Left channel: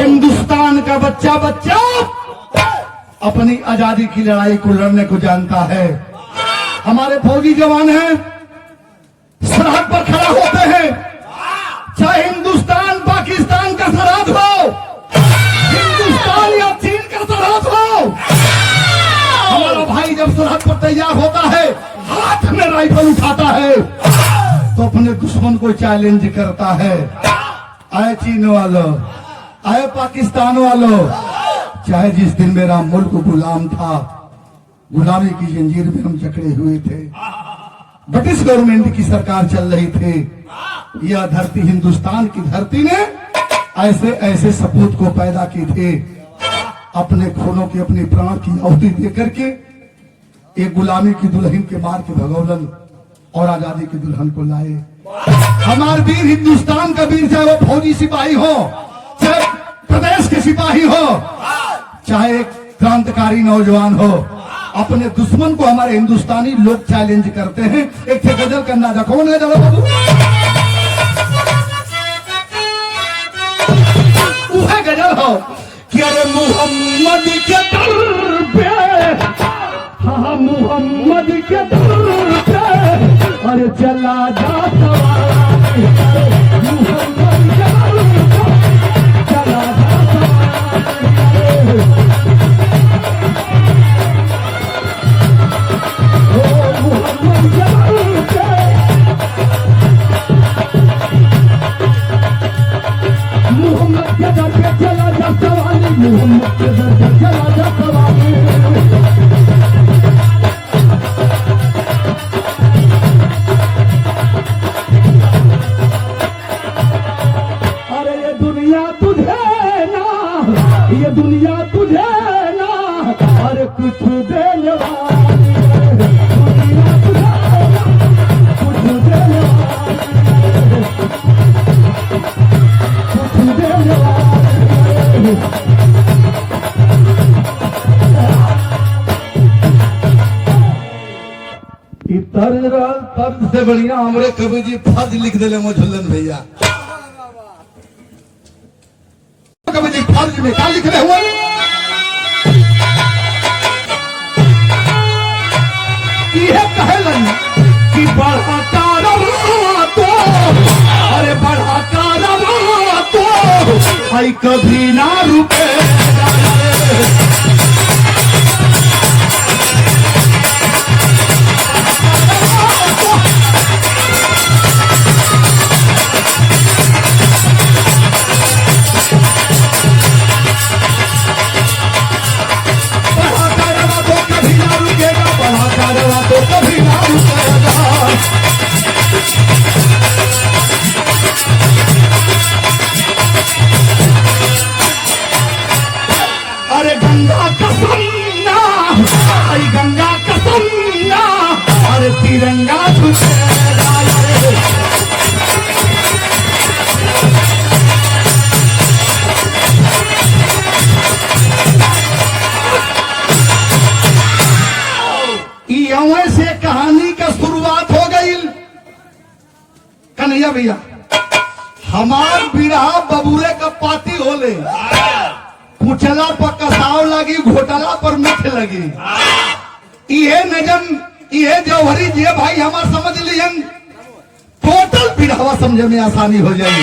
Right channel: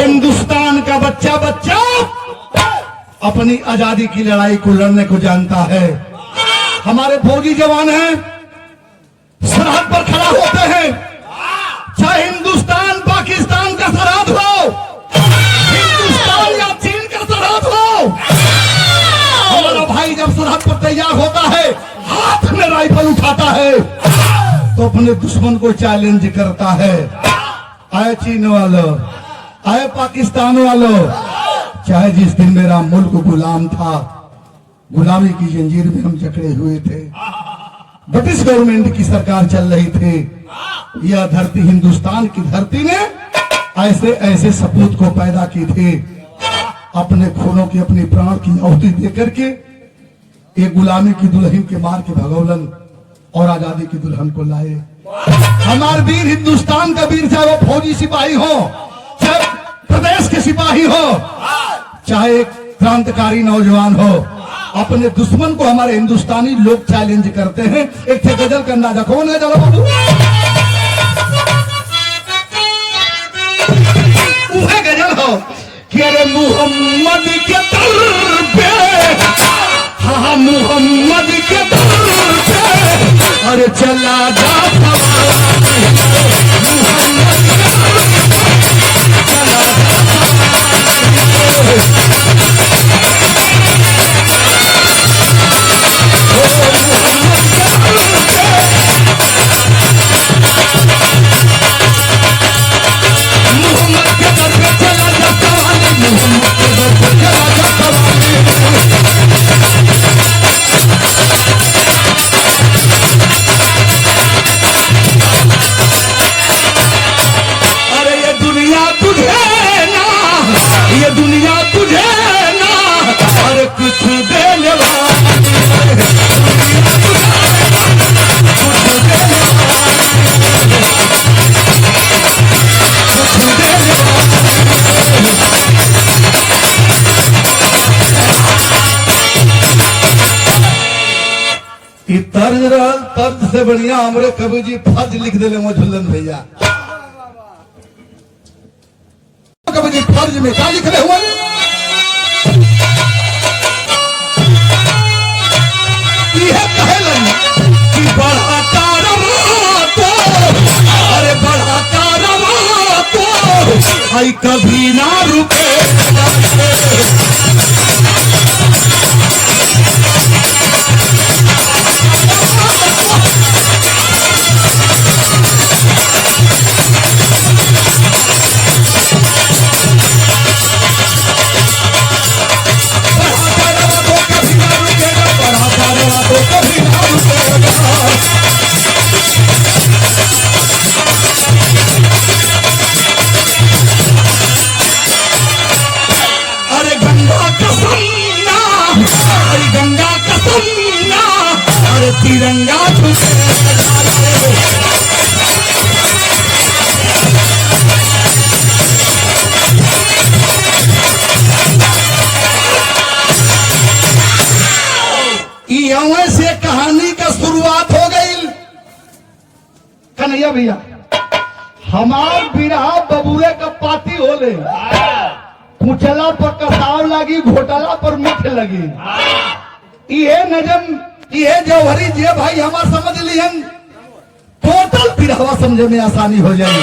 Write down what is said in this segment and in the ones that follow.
हिंदुस्तान का बच्चा बच्चा अपनी आजादी की लड़ाई को लड़ने को जानता है। हमारे फौजी जवान हैं, सरहद पर खड़ा होते हैं, चाहे हिंदुस्तान पाकिस्तान का सरहद हो, हिंदुस्तान या चीन का सरहद हो, हमारा भाई जब सरहद पर तैयार होता है, हाथ में राइफल उठाता है तो अपने दुश्मन को चैलेंज करता है। आए चीन वालों, आए पाकिस्तान वालों, चाहे जिस दिन मेरा मुल्क गुलाम था, गुलामी की जंजीर में हम जकड़े हुए थे, ब्रिटिश गवर्नमेंट की सरकार चल रही थी, यह धरती हिंदुस्तान की धरती ने ऐसे ऐसे सपूत को पैदा की थे, अपने खूनों की अपने प्राण की आहुति देकर के एक गुलामी की दुल्हन के मार के भगौलन और आजादी की दुल्हन को लाए। हमारे वीर हिंदुस्तान का वीर, चाहे वो फौजी सिपाही हो, चाहे प्रदेश के सिपाही हो, चाहे एक क्रांतिकारी नौजवान हो, अपने दुश्मन को हमारे हिंदुस्तानी लोग चैलेंज करते हैं। एक थे गजल का अंदाजा कौन है? चलो बाबू, वह गजल हो कि अरे मोहम्मद के दर पे, हाँ मोहम्मद के दर पे, अरे चला जा तर्ज से बढ़िया हमरे कवि जी फर्ज लिख दे झुल्लन भैया। कवि जी फर्ज में क्या लिख रहे हुए? यह कहलन कि बढ़ाता रहा तो, अरे बढ़ाता रहा तो आई कभी ना रुके। तिरंगा यहाँ से कहानी का शुरुआत हो गई। कन्हैया भैया, हमार बिरहा बबूरे का पाती होले, कुचला पर कसाव लगी, घोटाला पर मिठ लगी। ये नजम, ये जौहरी जी भाई हमार समझ लियन, टोटल बिरहवा समझे में आसानी हो जाए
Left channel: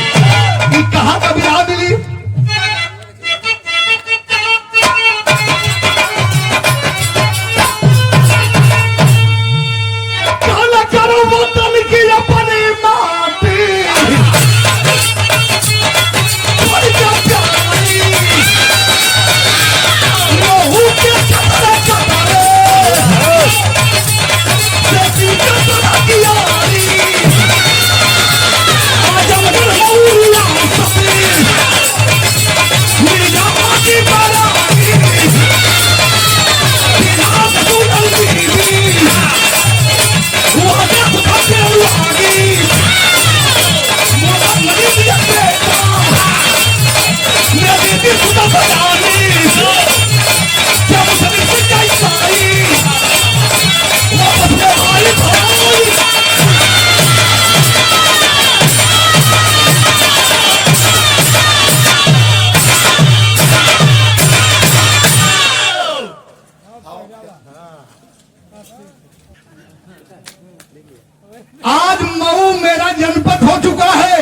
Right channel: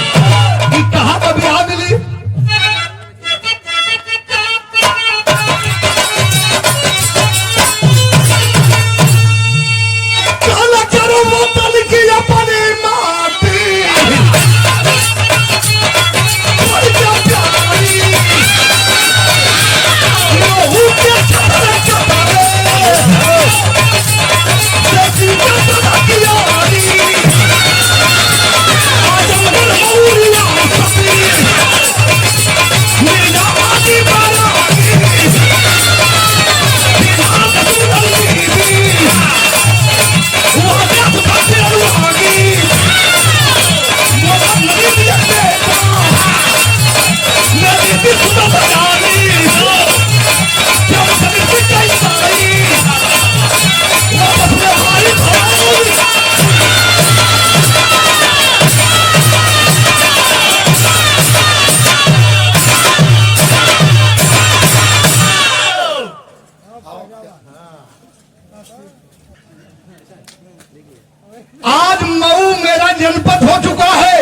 कि कहाँ का बिरहा मिली। काला करो बोतल की अपनी माटी, आज मऊ मेरा जनपद हो चुका है।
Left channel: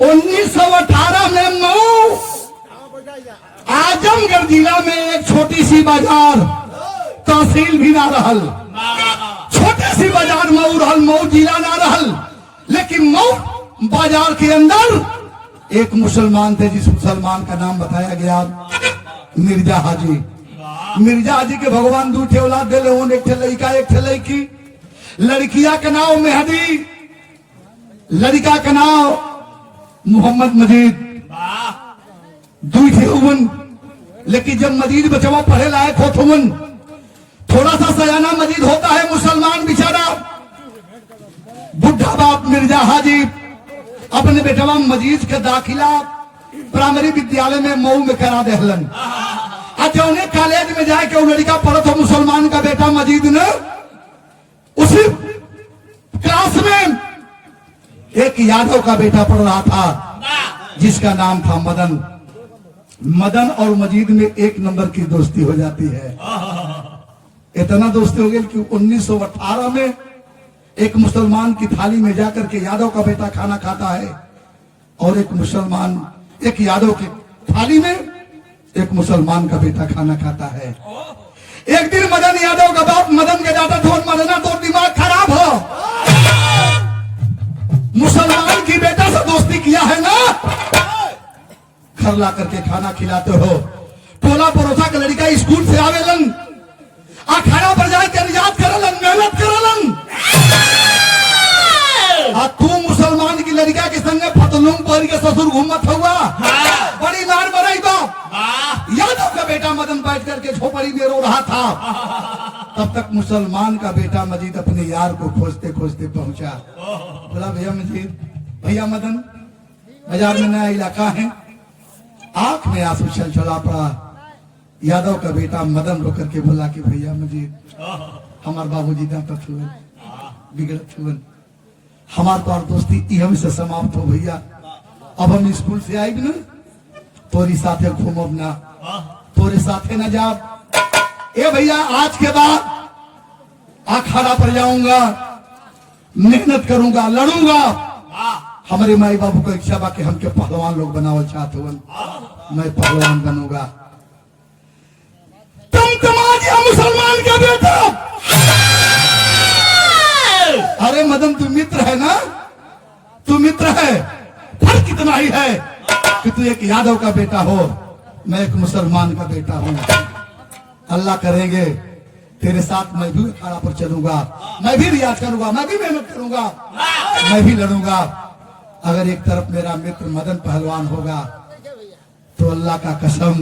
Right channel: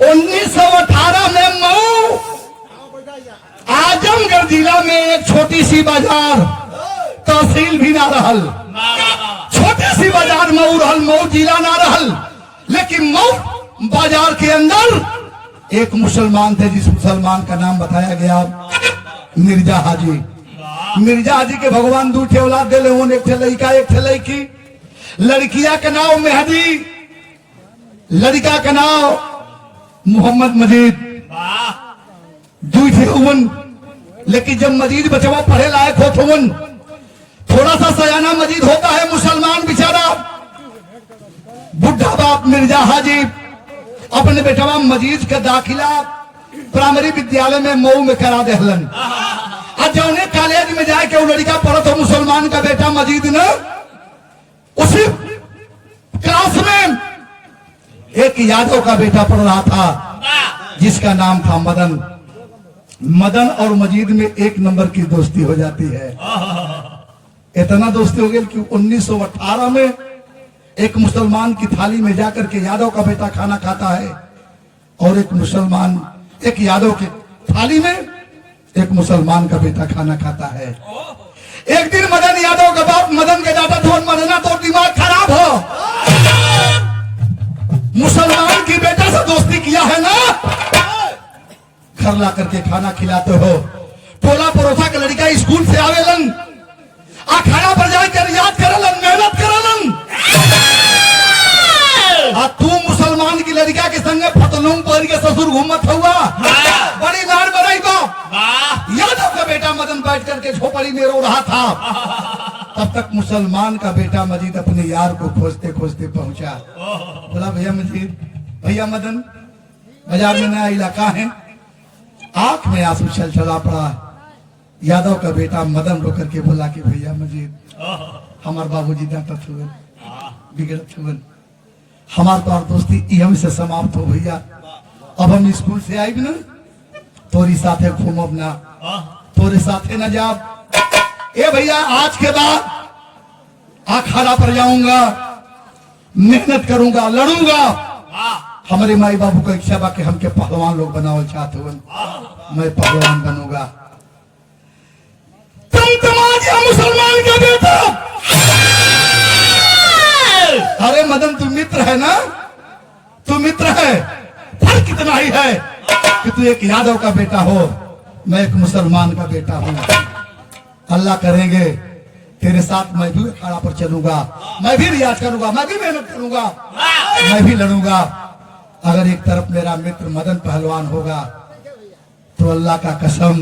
1918 में मऊ आजमगढ़ जिला में एक छोटी सी बाजार, तहसील भी ना रहल, छोटी सी बाजार मऊ रहल, मऊ जिला ना रहल। लेकिन मऊ बाजार के अंदर एक मुसलमान थे, जिस मुसलमान का नाम बताया गया मिर्जा हाजी। मिर्जा हाजी के भगवान दू ठे औलाद दिले, एक ठे लड़का एक ठे लड़की। लड़किया का नाम मेहदी, लड़का का नाम मोहम्मद मजीद। दू ठे हुवन, लेकिन जब मजीद बचवा पढ़े लायक हो हुवन, थोड़ा सा सयाना मजीद होता है मुसलमान बेचारा। बुढ़ा बाप मिर्जा हाजी अपने बेटवा मजीद का दाखिला प्राइमरी विद्यालय में मऊ में करा देहलन। आज उन्हें कॉलेज में जाके वो लड़का पढ़ा था मुसलमान का बेटा मजीद ने, उसी क्लास में एक यादव का बेटा पढ़ रहा था जिसका नाम था मदन। मदन और मजीद में एक नंबर की दोस्ती हो जाती है। इतना दोस्ती हो गई कि 1918 में एक मुसलमान की थाली में जाकर के यादव का बेटा खाना खाता है, और एक यादव की थाली में एक मुसलमान का बेटा खाना खाता है। एक दिन मदन यादव का बाप मदन के डाटा धोन मरना तो दिमाग खराब हो, मुसलमान की बेटा से दोस्ती किया है ना, घर ला करके खाना खिलाते हो। टोला पड़ोसा के लड़का स्कूल से आवेलन, अखाड़ा पर जाकर याद करलन, मेहनत करलन। तू मुसलमान की लड़का के संगे फतनूम पर के ससुर घूमत हुआ, बड़ी लाड़ बड़ाई बा। यादव का बेटा मदन बैठ करके झोपड़ी में रो रहा था। तब तक मुसलमान का बेटा मजीद अपने यार को खोजते खोजते पहुंचा। बोला भैया मजीद, भैया मदन, बाजार में नया इलाका है। आंख में आंसू चल चला पड़ा। यादव का बेटा मदन रो करके बोला कि भैया मजीद, हमारे बाबूजी डांटत हुए, बिगड़त हुए, हमारे पास दोस्ती इहम से समाप्त हो भैया। अब हम स्कूल से आए ना, तोरी साथे घूमब ना, तोरे साथे न जाब। ए भैया, आज के बाद अखाड़ा पर जाऊंगा, मेहनत करूंगा, लड़ूंगा। हमारे माई बाबू का इच्छा बा कि हमके पहलवान लोग बनावल चाहते हो, मैं पहलवान बनूंगा। तुम तुम्हारा मुसलमान का बेटा, अरे मदन तू मित्र है ना, तू मित्र है, फर्क कितना ही है कि तू एक यादव का बेटा हो, मैं एक मुसलमान का बेटा हूं। अल्लाह करेंगे तेरे साथ मैं भी अखाड़ा पर चलूंगा, मैं भी रियाज करूंगा, मैं भी मेहनत करूंगा, मैं भी लड़ूंगा। अगर एक तरफ मेरा मित्र मदन पहलवान होगा तो अल्लाह का कसम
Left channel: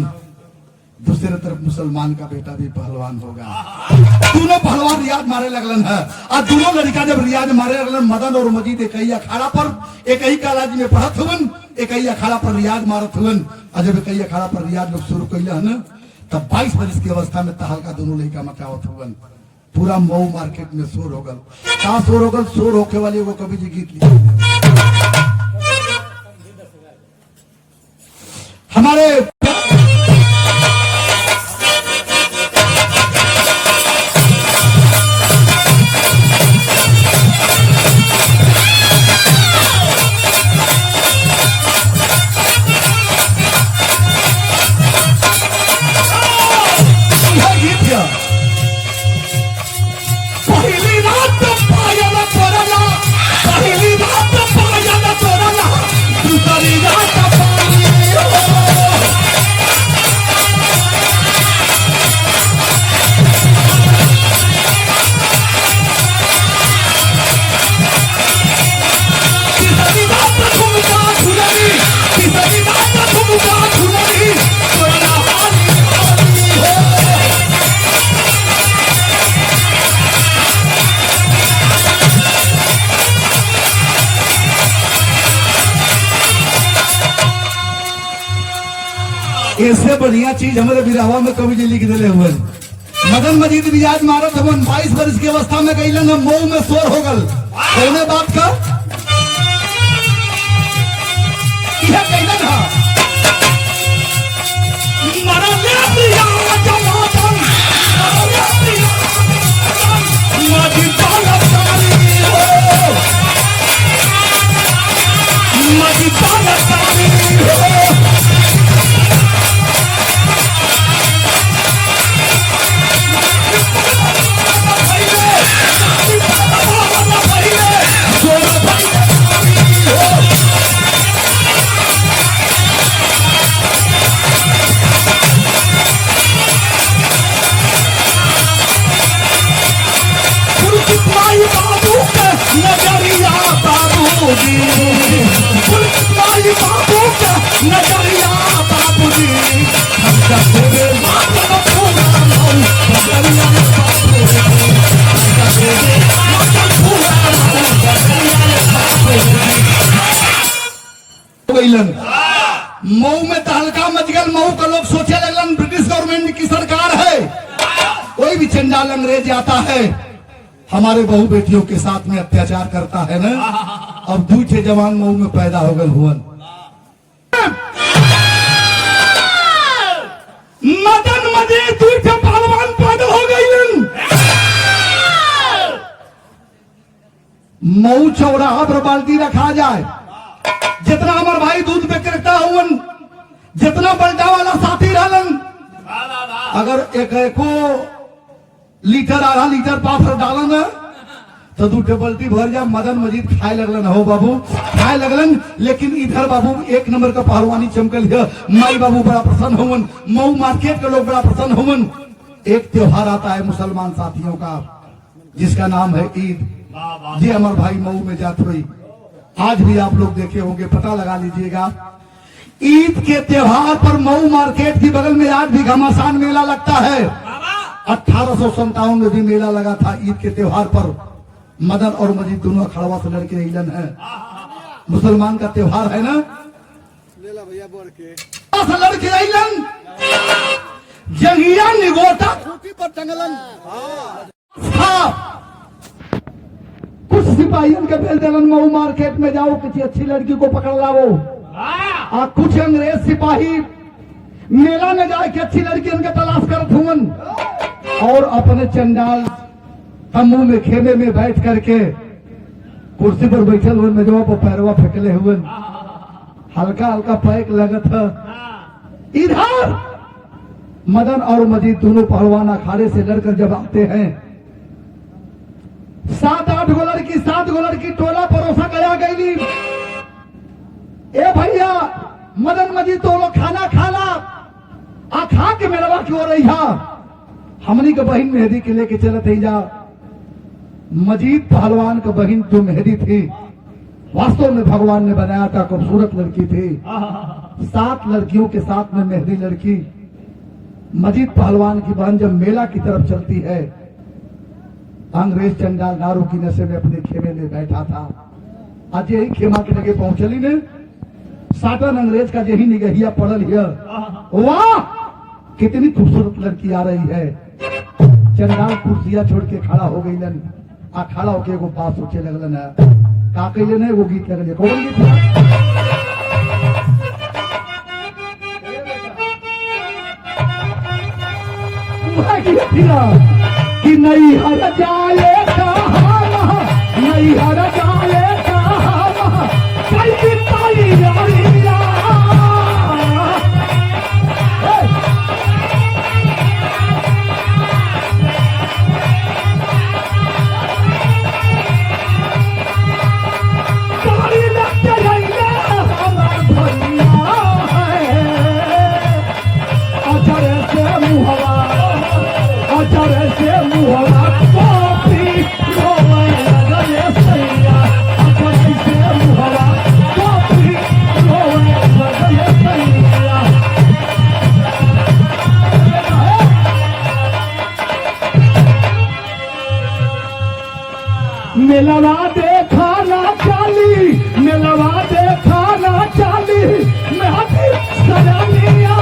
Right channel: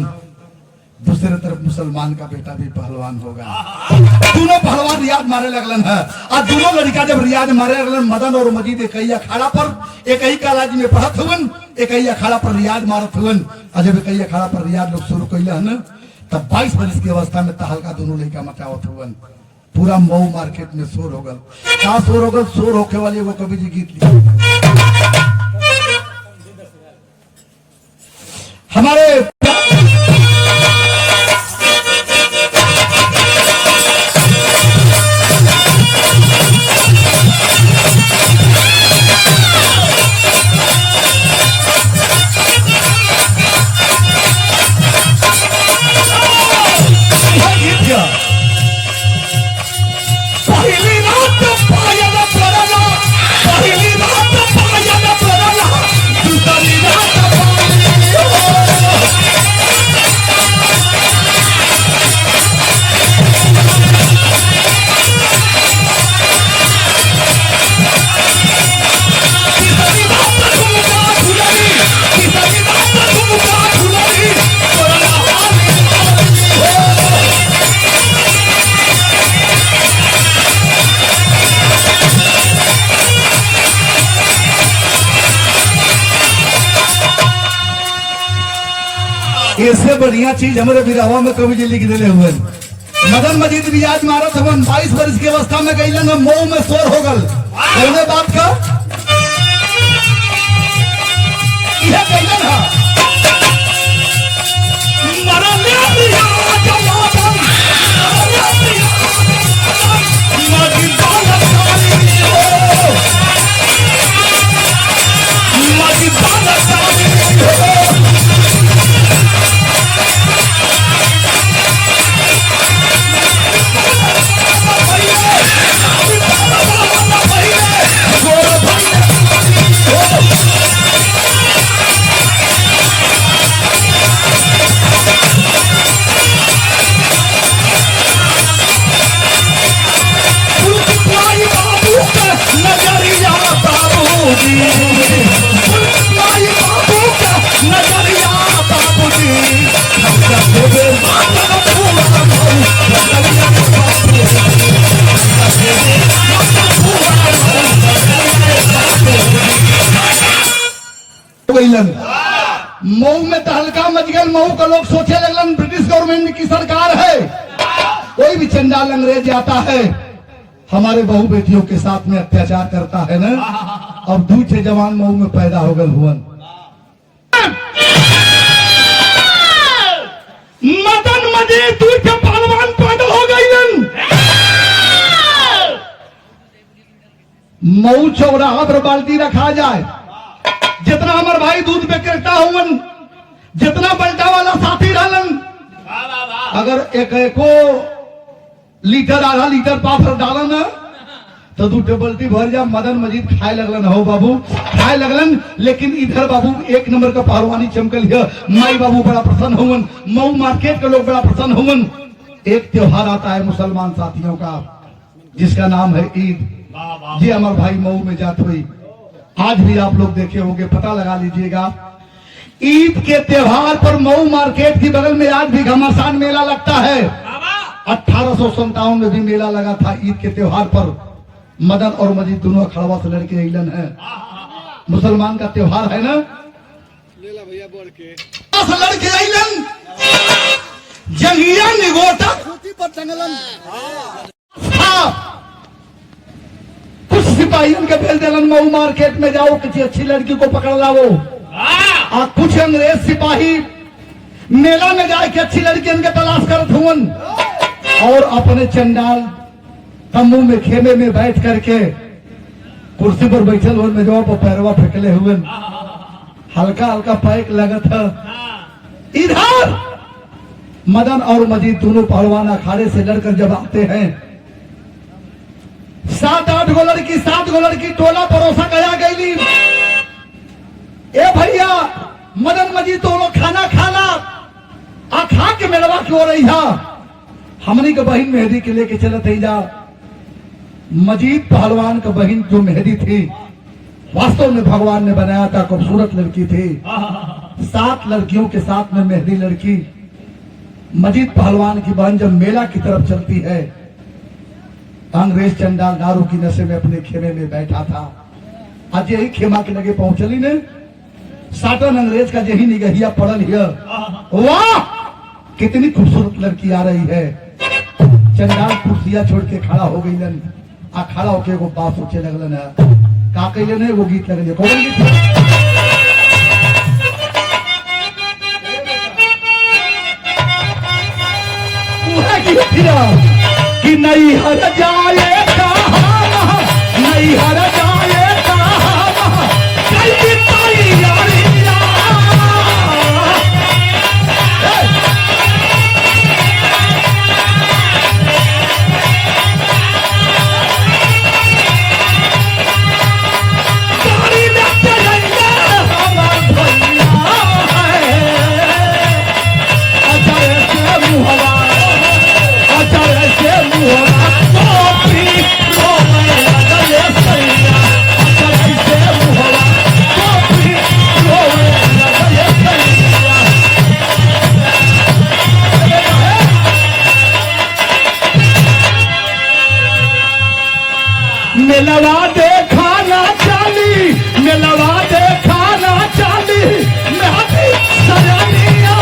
दूसरे तरफ मुसलमान का बेटा भी पहलवान होगा। दोनों पहलवान रियाज मारे लगलन है। आज दोनों लड़का जब रियाज मारे लगलन, मदन और मजीद एक ही अखाड़ा पर, एक ही कॉलेज में पढ़त हुवन, एक ही अखाड़ा पर रियाज मारत हुवन। और जब एक ही अखाड़ा पर रियाज लोग शुरू कैले हन, तब 22 वर्ष की अवस्था में तहलका दोनों लड़का मचावत हुवन। पूरा मऊ मार्केट में शोर हो गल। का शोर हो गल? शोर होके वाले वो कवि जी गीत लिखे हमारे इससे बढ़िया चीज हमारे बिरहवा में कवि जी लिख दिले हुए। मदन मजीद रियाज मारत हुए 22 वर्ष की अवस्था में गई मऊ में शोर हो गल। कहने बात का यह कहलन है मरा मऊ में तहलका मच गया। मऊ का लोग सोचे लगन ब्रिटिश गवर्नमेंट की सरकार है। कोई भी चंडाल अंग्रेज आता है हमारे बहू बेटियों के साथ में अत्याचार करता है ना। अब दूसरे जवान मऊ में पैदा हो गए हुवन। मदन मजीद दूसरे पहलवान पैदा हो गई। मऊ चौराहा पर बाल्टी रखा जाए, जितना हमारे भाई दूध विक्रेता हुवन, जितना बल्टा वाला साथी रहलन, अगर एक लीटर आधा लीटर पाफर डालन ना तो दू टेबल्टी भर जा। मदन मजीद खाए लगलन हो बाबू, खाए लगलन। लेकिन इधर बाबू एक नंबर का पहलवानी चमकल है। माई बाबू बड़ा प्रसन्न हुवन, मऊ मार्केट के लोग बड़ा प्रसन्न हुवन। एक त्योहार आता है मुसलमान साथियों का जिसका नाम है ईद। जी हमारे भाई मऊ में जात हुई, आज भी आप लोग देखे होंगे, पता लगा लीजिएगा। ईद के त्योहार पर मऊ मार्केट की बगल में आज भी घमासान मेला लगता है। 1857 में भी मेला लगा था ईद के त्योहार पर। मदन और मजीद दोनों खड़वा से लड़के अइलन है। मुसलमान का त्योहार है ना। लड़के अइलन जंगिया निगोटा खूटी पर टंगलन। कुछ सिपाही उनके भेज देलन मऊ मार्केट में जाओ किसी अच्छी लड़की को पकड़ लाओ। और कुछ अंग्रेज सिपाही मेला में जाए कि अच्छी लड़की इनके तलाश करत हुवन और अपने चंडाल तंबू में खेमे में बैठ करके कुर्सी पर बैठल हुए मेजवा पर पैरवा फेंकले हुए, हल्का हल्का पैक लगत है। इधर मदन और मजीद दोनों पहलवान अखाड़े से लड़कर जब आते हैं, 7-8 गो लड़की टोला परोसा गया गई। ए भैया मदन मजीद तो लोग खाना खाना आ खा के मेलवा की हो रही है। हमनी के बहन मेहदी के लेके चलत ही जा। मजीद पहलवान का बहन जो मेहदी थी वास्तव में भगवान ने बनाया था, खूबसूरत लड़की थी। 7 लड़कियों के साथ में मेहदी लड़की। मजीद पहलवान की बहन जब मेला की तरफ चलती है, अंग्रेज चंडाल दारू की नशे में अपने खेमे में बैठा था। आज यही खेमा के लगे पहुंचली ने, साटन अंग्रेज का यही निगहिया पड़ल है। वाह कितनी खूबसूरत लड़की आ रही है। चंडाल कुर्सिया छोड़ के खड़ा हो गई। आ खड़ा होके एगो बात सोचे लगलन है। का कैले नहीं वो गीत लगले। कौन गीत कि नहीं हर जाए कहाँ, नहीं हर जाए कहाँ, कैसी तैयारी मिलवा देखा ना चली, मिलवा देखा ना चली, मेहदी सजनिया।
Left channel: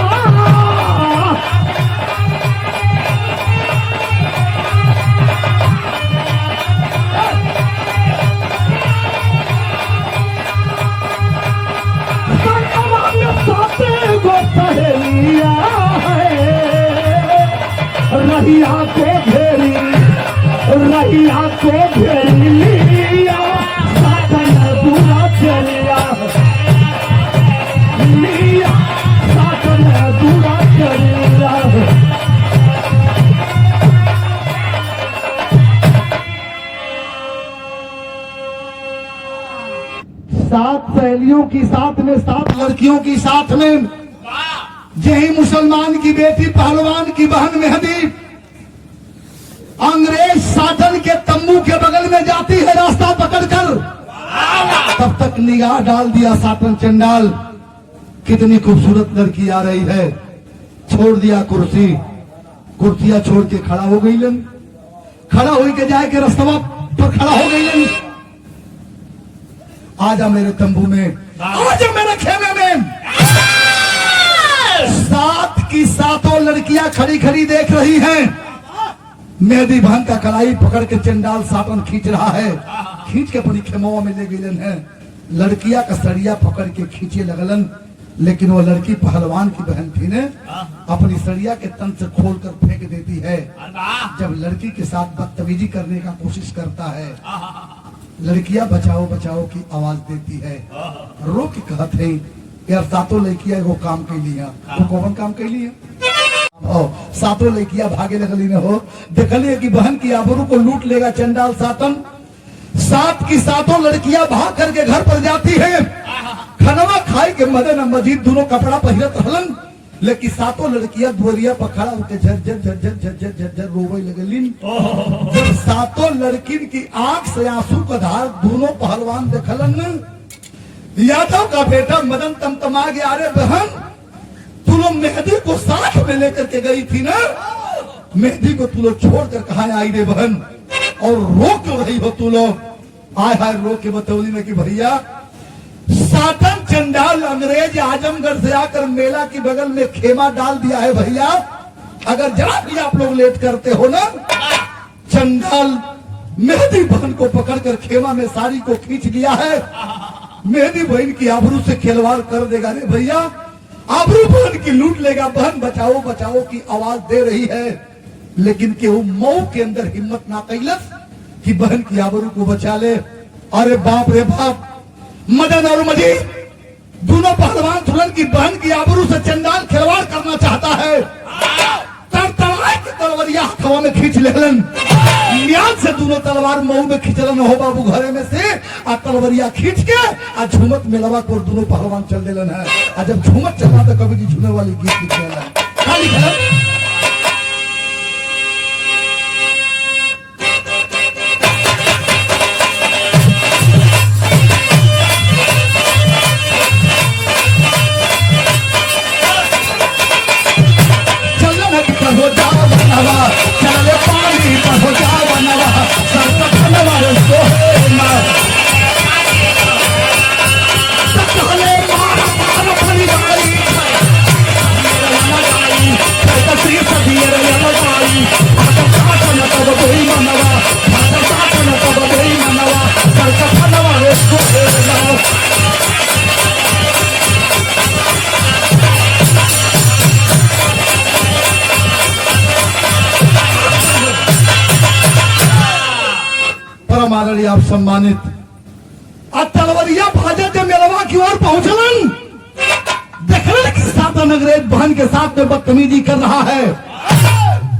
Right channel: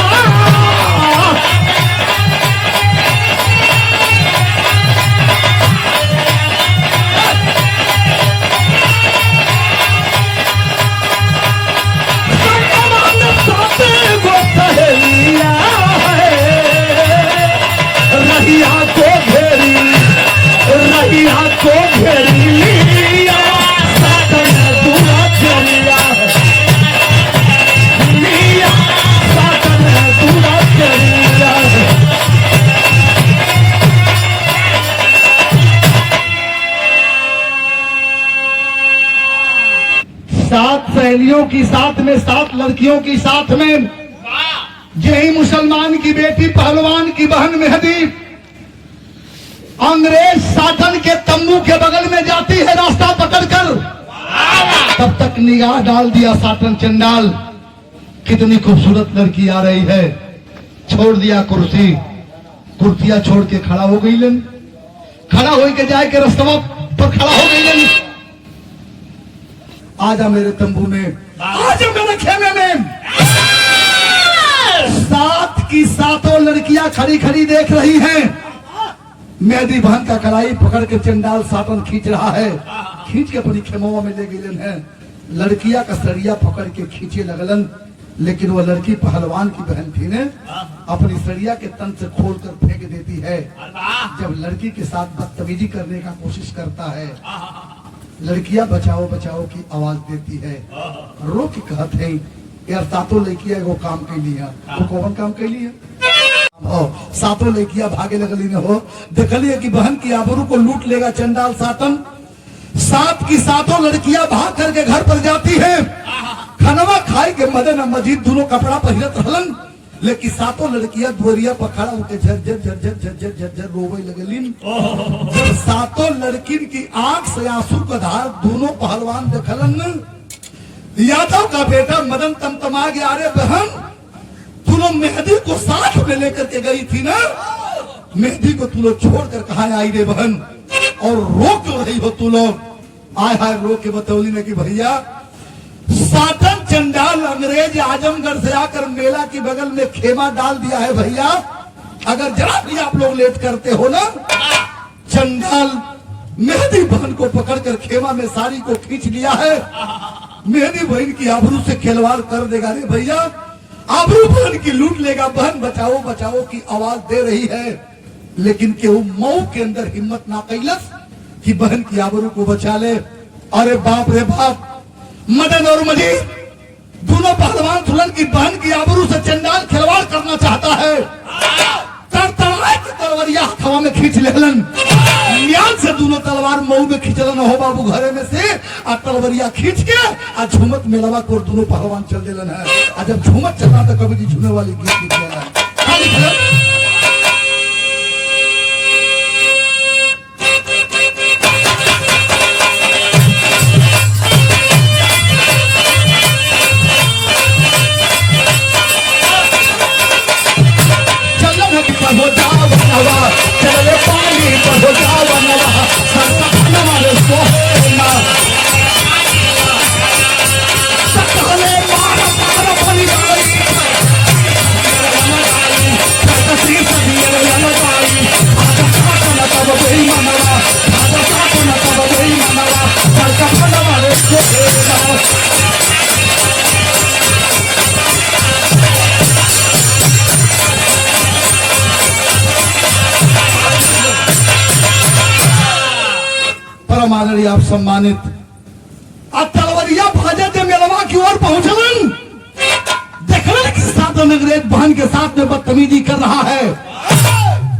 रहिया को घेरी, रहिया को घेरी, सातन दूरा घेरिया, सातन दूरा घेरिया। 7 सहेलियों की साथ में, 7 लड़कियों की साथ में, यही मुसलमान की बेटी पहलवान की बहन मेहदी अंग्रेज शासन के तंबू के बगल में जाती है रास्ता पकड़कर। तब तक निगाह डाल दिया साटन चंडाल, कितनी खूबसूरत लड़की आ रही है। छोड़ दिया कुर्सी, कुर्सियां छोड़ के खड़ा हो गई। खड़ा हो के जाए के रास्ता पर खड़ा हो गई। आजा मेरे तंबू में, आजा मेरे खेमे में। लड़कियां खड़ी खड़ी देख रही हैं। मेहदी बहन का कलाई पकड़ के चंडाल साटन खींच रहा है, खींच के अपनी खेमों में ले गिलन है। लड़कियां का सरिया पकड़ के खींचे लगलन, लेकिन वो लड़की पहलवान की बहन थी ने अपनी सरिया के तन से खोल कर फेंक देती है। जब लड़की के साथ बदतमीजी करने का कोशिश करता है, लड़कियां बचाओ बचाओ की आवाज देती है। रो के कहते हैं यार सातों लड़कियां वो काम कर लिया, वो कौन काम कर लिया। सातों लड़कियां भागे लगली ने हो, देखलिए कि बहन की आबरू को लूट लेगा चंडाल सातन। सात की सातों लड़कियां भाग करके घर पर जाती है। खनवा खाई के मदन मजीद दोनों कपड़ा पहनत रहलन, लेकिन सातों लड़कियां बोरिया पर खड़ा होकर झरझर झरझर झरझर झरझर रोवे लगलिन। जब सातों लड़किन की आंख से आंसू का धार दोनों पहलवान देखलन, यादव का बेटा मदन तमतमा गया, अरे बहन तू लोग मेहदी को साथ में लेकर के गई थी ना, मेहदी को तू लोग छोड़कर कहा आई रे बहन, और रोक रही हो तू लोग। आय हाय रोक के बतौली ने कि भैया सातन चंडाल अंग्रेज आजमगढ़ से आकर मेला के बगल में खेमा डाल दिया है भैया, अगर जरा भी आप लोग लेट करते हो ना, चंडाल मेहदी बहन को पकड़कर खेमा में साड़ी को खींच लिया है। मेहदी बहन की आबरू से खिलवाड़ कर देगा रे भैया, आबरू बहन की लूट लेगा। बहन बचाओ बचाओ की आवाज दे रही है, लेकिन केहू मऊ के अंदर हिम्मत ना कैलस कि बहन की आबरू को बचा ले। अरे बाप रे बाप, मदन और मजीद दोनों पहलवान दुल्हन की बहन की आबरू से चंडाल खिलवाड़ करना चाहता है। तलवारिया हवा में खींच लेलन, न्याज से दोनों तलवार मऊ में खींचलन हो बाबू घरे में से, आ तलवारिया खींच के आ झूमत मेलवा को दोनों पहलवान चल देलन है। आ जब झूमत चला तो कभी जी झूमे वाली गीत लिखे आप सम्मानित। तलवरिया भाजे जो मेलवा की ओर पहुंचलन, देखने की सातन अंग्रेज बहन के साथ में बदतमीजी कर रहा है।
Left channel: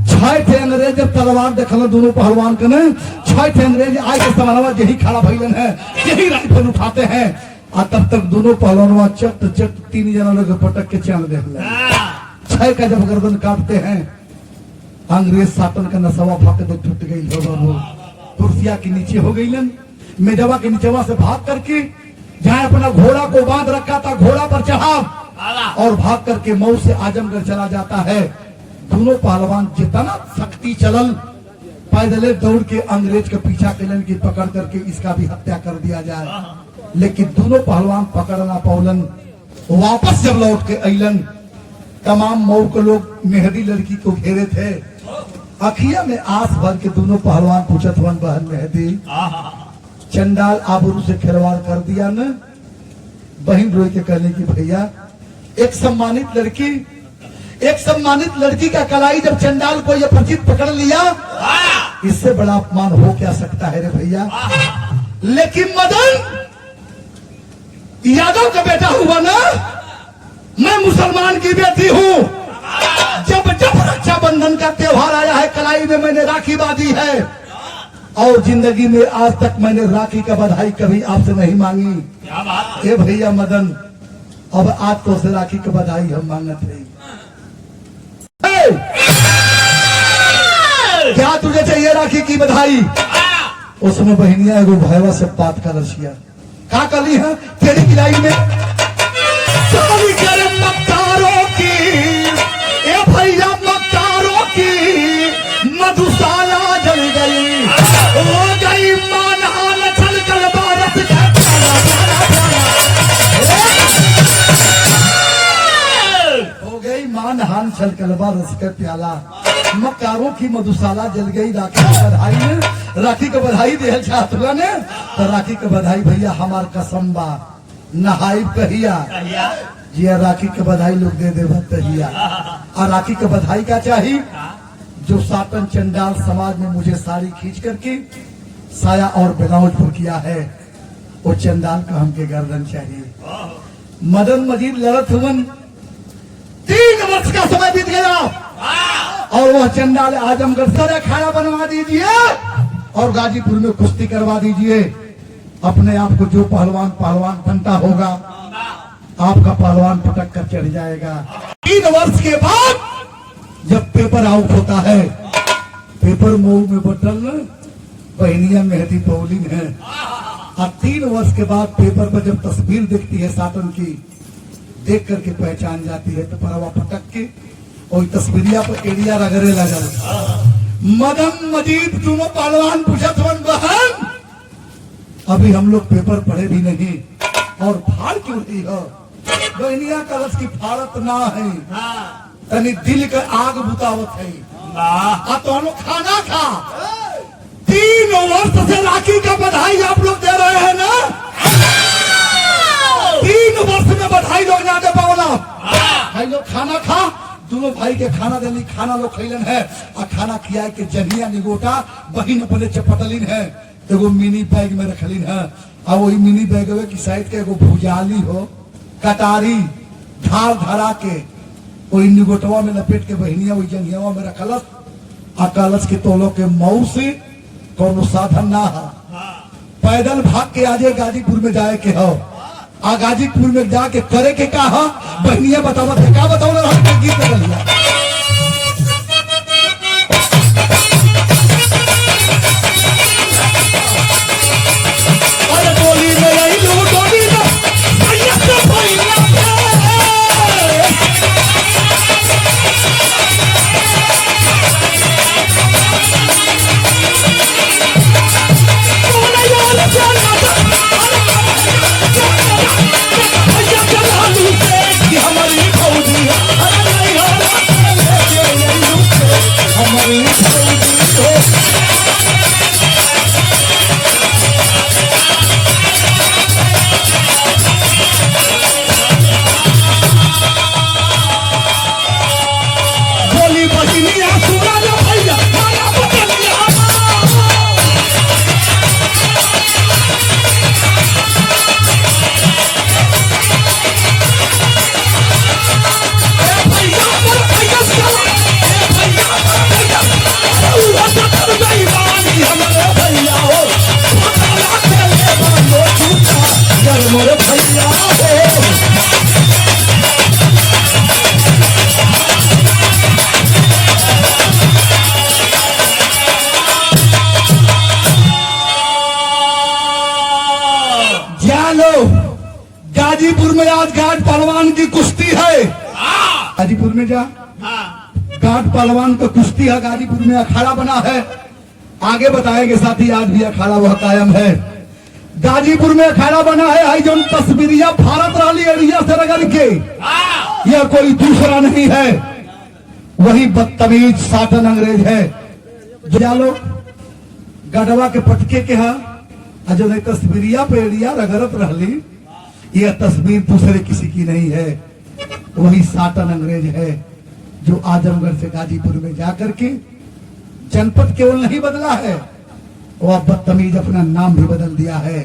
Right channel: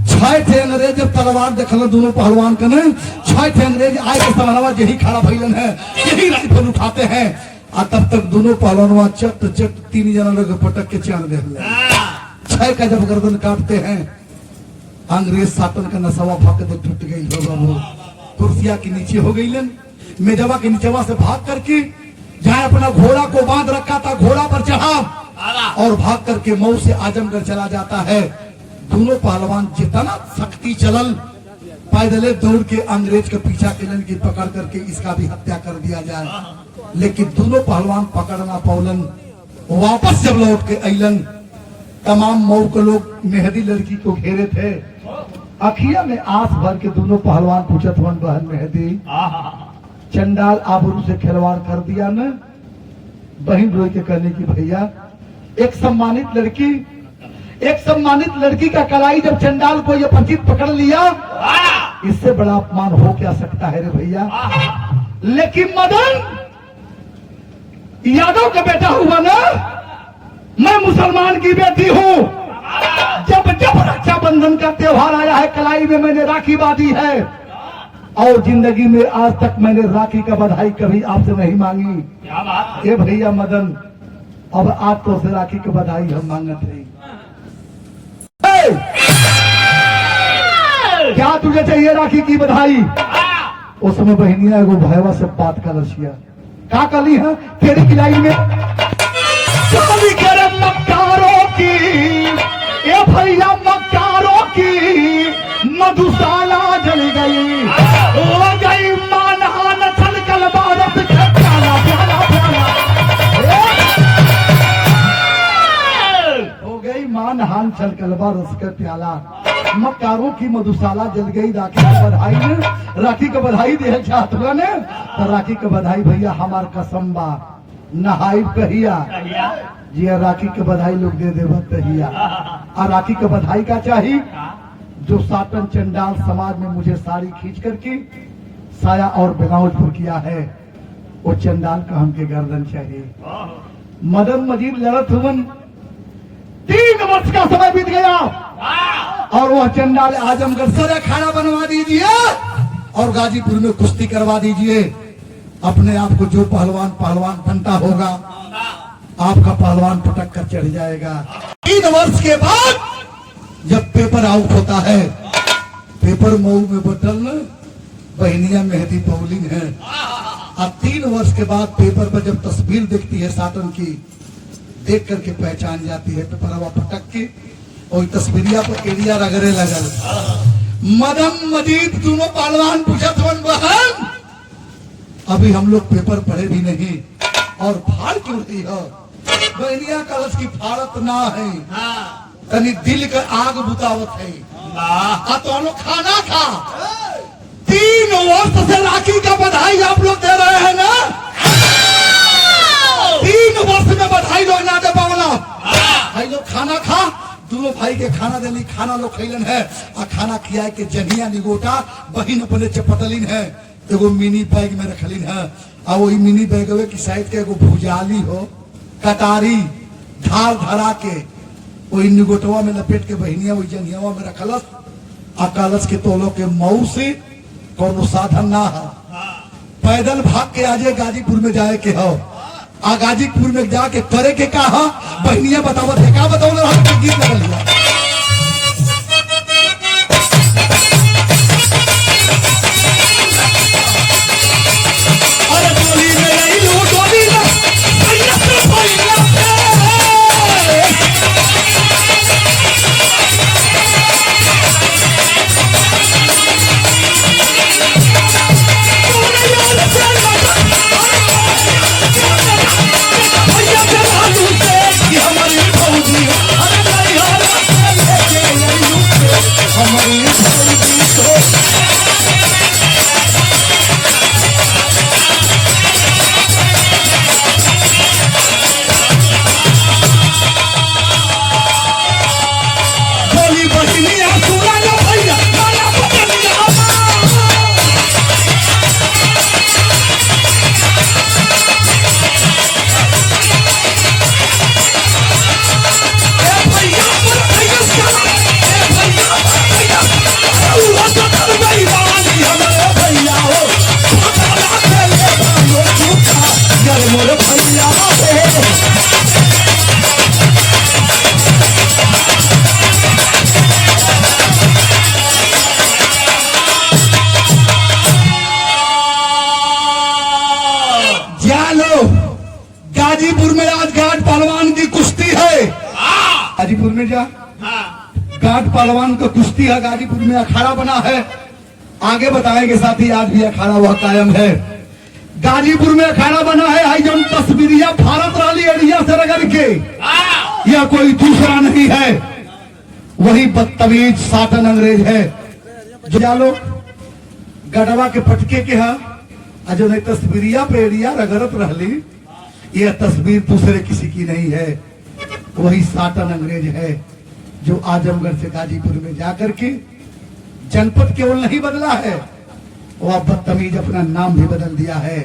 छह थे अंग्रेज जब तलवार देखल दोनों पहलवान के ने, छह थे अंग्रेज आए के सवालवा यही खड़ा भइलन है, यही राइफल उठाते हैं। तब तक दोनों पहलवान चट चट तीन जना लोग पटक के चांद दे छह का जब गर्दन काटते हैं, अंग्रेज सातन का नसवा भक दे टूट गई हो बाबू, कुर्सिया के नीचे हो गई, मेजवा के नीचेवा से भाग करके जहाँ अपना घोड़ा को बांध रखा था घोड़ा पर चढ़ा और भाग करके मऊ से आजमगढ़ चला जाता है। दोनों पहलवान जितना शक्ति चलल, पैदले दौड़ के अंग्रेज के पीछा कैलन की पकड़ करके इसका भी हत्या कर दिया जाए, लेकिन दोनों पहलवान पकड़ ना पौलन। वापस जब लौट के अलन, तमाम मऊ के लोग मेहदी लड़की को घेरे थे, अखिया में आंस भर के दोनों पहलवान पूछत हुन बहन मेहदी चंडाल आबरू से खिलवाड़ कर दिया न। बहन रोई के कहने की भैया एक सम्मानित लड़की का कलाई जब चंडाल को ये परिचित पकड़ लिया, इससे बड़ा अपमान हो क्या सकता है रे भैया। लेकिन मदन यादव का बेटा हुआ ना, मैं मुसलमान की बेटी हूं। जब जब रक्षाबंधन का त्योहार आया है, कलाई में मैंने राखी बांधी है, और जिंदगी में आज तक मैंने राखी का बधाई कभी आपसे नहीं मांगी। क्या बात है? ये भैया मदन, अब आज तो से राखी की बधाई हम मांगत रही। क्या तुझे चाहिए राखी की बधाई? उसमें बहनिया एगो भैया से बात कर रसिया क्या कर ली है तेरी किलाई में शादी करे मक्कारों की, ए भैया मक्कारों की मधुशाला जल गई, हो गई मानहान छल कल भारत का प्याला प्याला प्याला, हो गई मान नहान नहान छल कलबा रस का प्याला, मक्कारों की मधुशाला जल गई राखी की बधाई में, राखी का बधाई दे छात्रा ने, तो राखी का बधाई भैया हमार कसम बा नहाई कहिया जिया राखी के बधाई लोग दे देव तहिया। और राखी के बधाई का चाहिए जो सातन चंडाल समाज में मुझे साड़ी खींच करके साया और ब्लाउज पर किया है, वो चंडाल का हमके गर्दन चाहिए। मदन मजीद लड़त हुवन 3 वर्ष का समय बीत गया और वह चंडाल आजमगढ़ सर अखाड़ा बनवा दीजिए और गाजीपुर में कुश्ती करवा दीजिए। अपने आप को जो पहलवान बनता होगा आपका पहलवान पटक कर चढ़ जाएगा। 3 वर्ष के बाद जब पेपर आउट होता है, पेपर मऊ में बटन बहनिया मेहदी पौलिंग है। अब 3 वर्ष के बाद पेपर पर जब तस्वीर दिखती है साटन की, देख करके पहचान जाती है तो परवा पटक के और तस्वीरिया पर एरिया रगड़े लगल। मदन मजीद दोनों पहलवान पूछत वन बहन अभी हम लोग पेपर पढ़े भी नहीं और फाड़ क्यों रही हो? बहनिया कलश की फाड़त ना है, कनी दिल के आग बुतावत है। तो हम लोग खाना खा 3 वर्ष से राखी का बधाई आप लोग दे रहे हैं ना, 3 वर्ष में बधाई लोग ना दे पावला। भाई लोग खाना खा, दोनों भाई के खाना देनी, खाना लोग खैलन है और खाना खिया के जंगिया निगोटा बहिन अपने चपटलिन है, एगो मिनी बैग में रखलिन है और वही मिनी बैग की साइड के एगो भुजाली हो कटारी धार धरा के वही निगोटवा में लपेट के बहनिया वही जंगिया में रखलस। आ कलश के तोलो के मऊ से कोनो साधन ना है, पैदल भाग के आजे गाजीपुर में जाए के हो। आ गाजीपुर में जाके करे के का है बहनिया बतावत है, का बताओ वहां के गीत लगल गाजीपुर में आज घाट पहलवान की कुश्ती है। गाजीपुर में जा घाट पहलवान को कुश्ती है, गाजीपुर में अखाड़ा बना है। आगे बताएंगे साथी, आज भी अखाड़ा वह कायम है। गाजीपुर में अखाड़ा बना है, आई जो तस्वीरिया भारत राली अड़िया से रगड़ के, यह कोई दूसरा नहीं है, वही बदतमीज साटन अंग्रेज है जो लोग गढ़वा के पटके के है जो ने तस्वीरिया पे एरिया रगड़त रहली। यह तस्वीर दूसरे किसी की नहीं है, वही साटन अंग्रेज है जो आजमगढ़ से गाजीपुर में जाकर के जनपद केवल नहीं बदला है, वह बदतमीज अपना नाम भी बदल दिया है।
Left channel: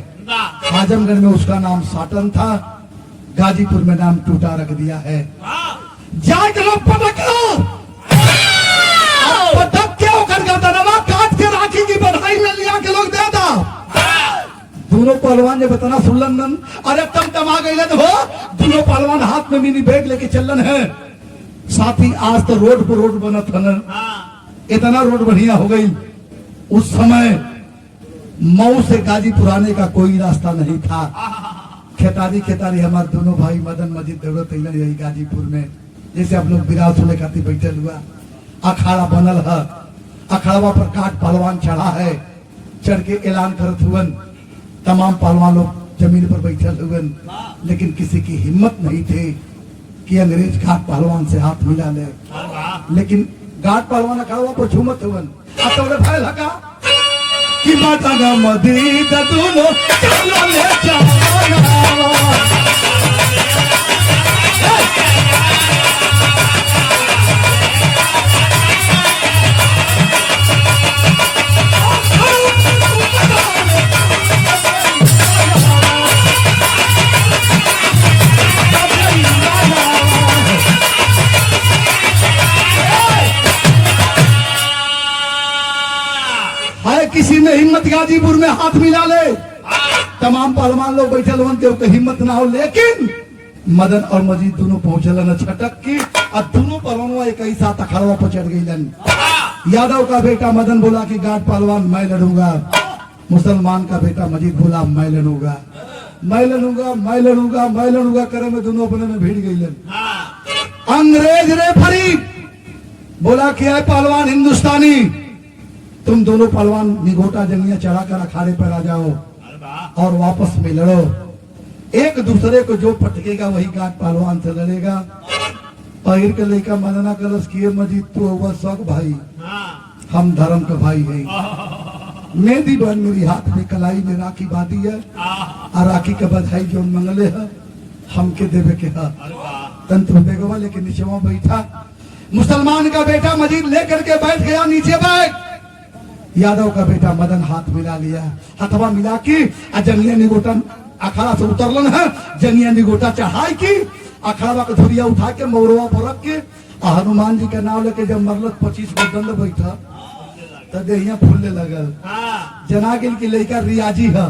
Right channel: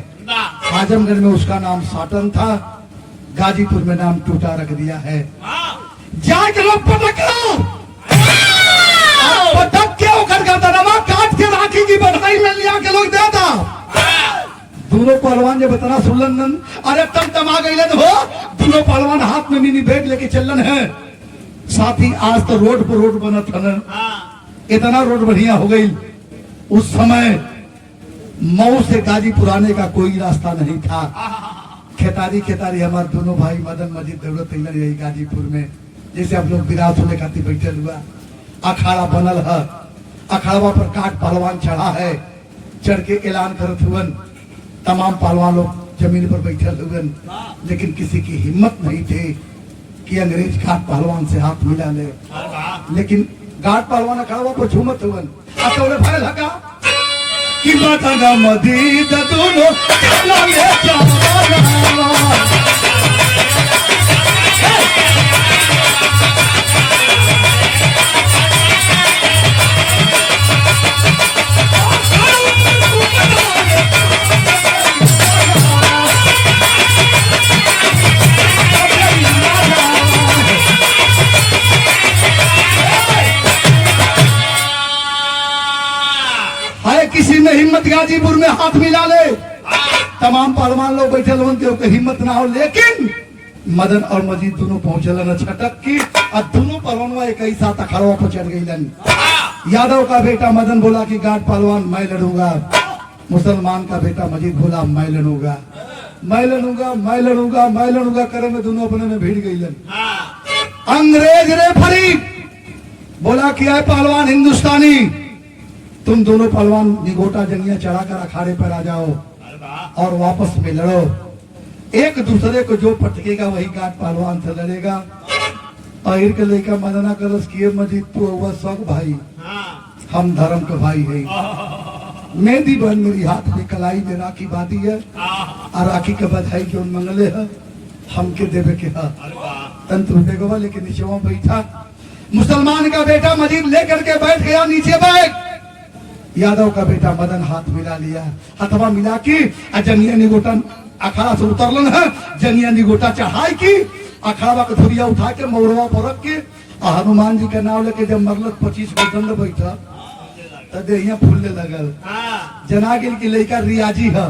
आजमगढ़ में उसका नाम साटन था, गाजीपुर में नाम टूटा रख दिया है। जाके लोग पटक के होकर गर्दनवा काट के राखी की बधाई में लिया के लोग देता। दोनों पहलवान जब इतना सुनलन, अरे तम आ गई हो, दोनों पहलवान हाथ में मिनी बैग लेके चलन है। साथ ही आज तो रोड पर रोड बनत हन, इतना रोड बढ़िया हो गई। उस समय मऊ से गाजीपुर आने का कोई रास्ता नहीं था। खेतारी हमारे दोनों भाई मदन मजीद दौड़त यही गाजीपुर में, जैसे हम लोग विराट होने खातिर बैठल हुआ, अखाड़ा बनल है, अखाड़ा पर काट पहलवान चढ़ा है, चढ़ के ऐलान करत हुए, तमाम पहलवान लोग जमीन पर बैठल हुए, लेकिन किसी की हिम्मत नहीं थे कि अंग्रेज घाट पहलवान से हाथ मिला ले, लेकिन घाट पहलवान खड़ा को झूमत हुवन अतोले भाई लगा कि माता ना मदी दोनों चलो ले चलो किसी ने हिम्मत गाजीपुर में हाथ मिला ले, तमाम पहलवान लोग बैठे लोगन के हिम्मत ना हो, लेकिन मदन और मजीद दोनों पहुंचल न छटक की और दोनों पहलवानों एक ही साथ अखाड़वा पर चढ़ गई। यादव का बेटा मदन बोला कि घाट पहलवान मैं लड़ूंगा, मुसलमान का बेटा मजीद बोला मैं लड़ूंगा, मैं लड़ूंगा, मैं लड़ूंगा, मैं लड़ूंगा करे में दोनों अपने में भिड़ गई। अंग्रेज रेफरी बोला कि आए पहलवान हिंदुस्तानी, तुम दोनों पहलवान निगोटा जंगिया चढ़ाकर अखाड़े पर आ जाओ और वापस में लड़ो, एक दूसरे को जो पटकेगा वही घाट पहलवान से लड़ेगा। और के लेकर मदना कलश किए मजीद तो हुआ स्वर्ग भाई, हम धर्म के भाई है, मेहंदी बहन मेरी हाथ में कलाई में राखी बांधी है और राखी के बधाई जो मंगले है हमके देवे के हाथ तंत्र बेगवा लेके नीचे वहां बैठा। मुसलमान का बेटा मजीद लेकर के बैठ गया नीचे बैठ। यादव का बेटा मदन हाथ मिला लिया, हथवा मिला की जंगिया निगोटा अखाड़ा से उतरलन है, जंगिया निगोटा चढ़ाई की अखाड़ा का धुरिया उठा के मौरवा परक के हनुमान जी का नाम लेके जब मगलत 25 को दंड बैठा तब देहिया फूलने लगल। जना गिल की लड़का रियाजी है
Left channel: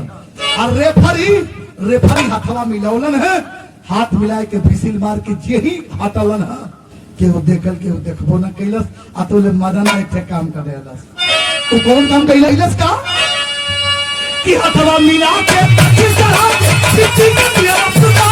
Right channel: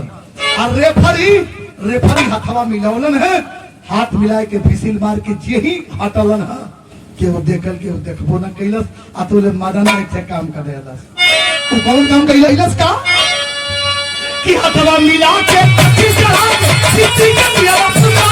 और रेफरी हथवा मिलावलन है, हाथ मिलाए के फिसिल मार के यही हटलन है कि वो देखल के वो देखबो न कैलस। अतोले मदन एक काम कर देलस, तो कौन काम कैलस का कि हथवा मिला के किसी के दिया खुदा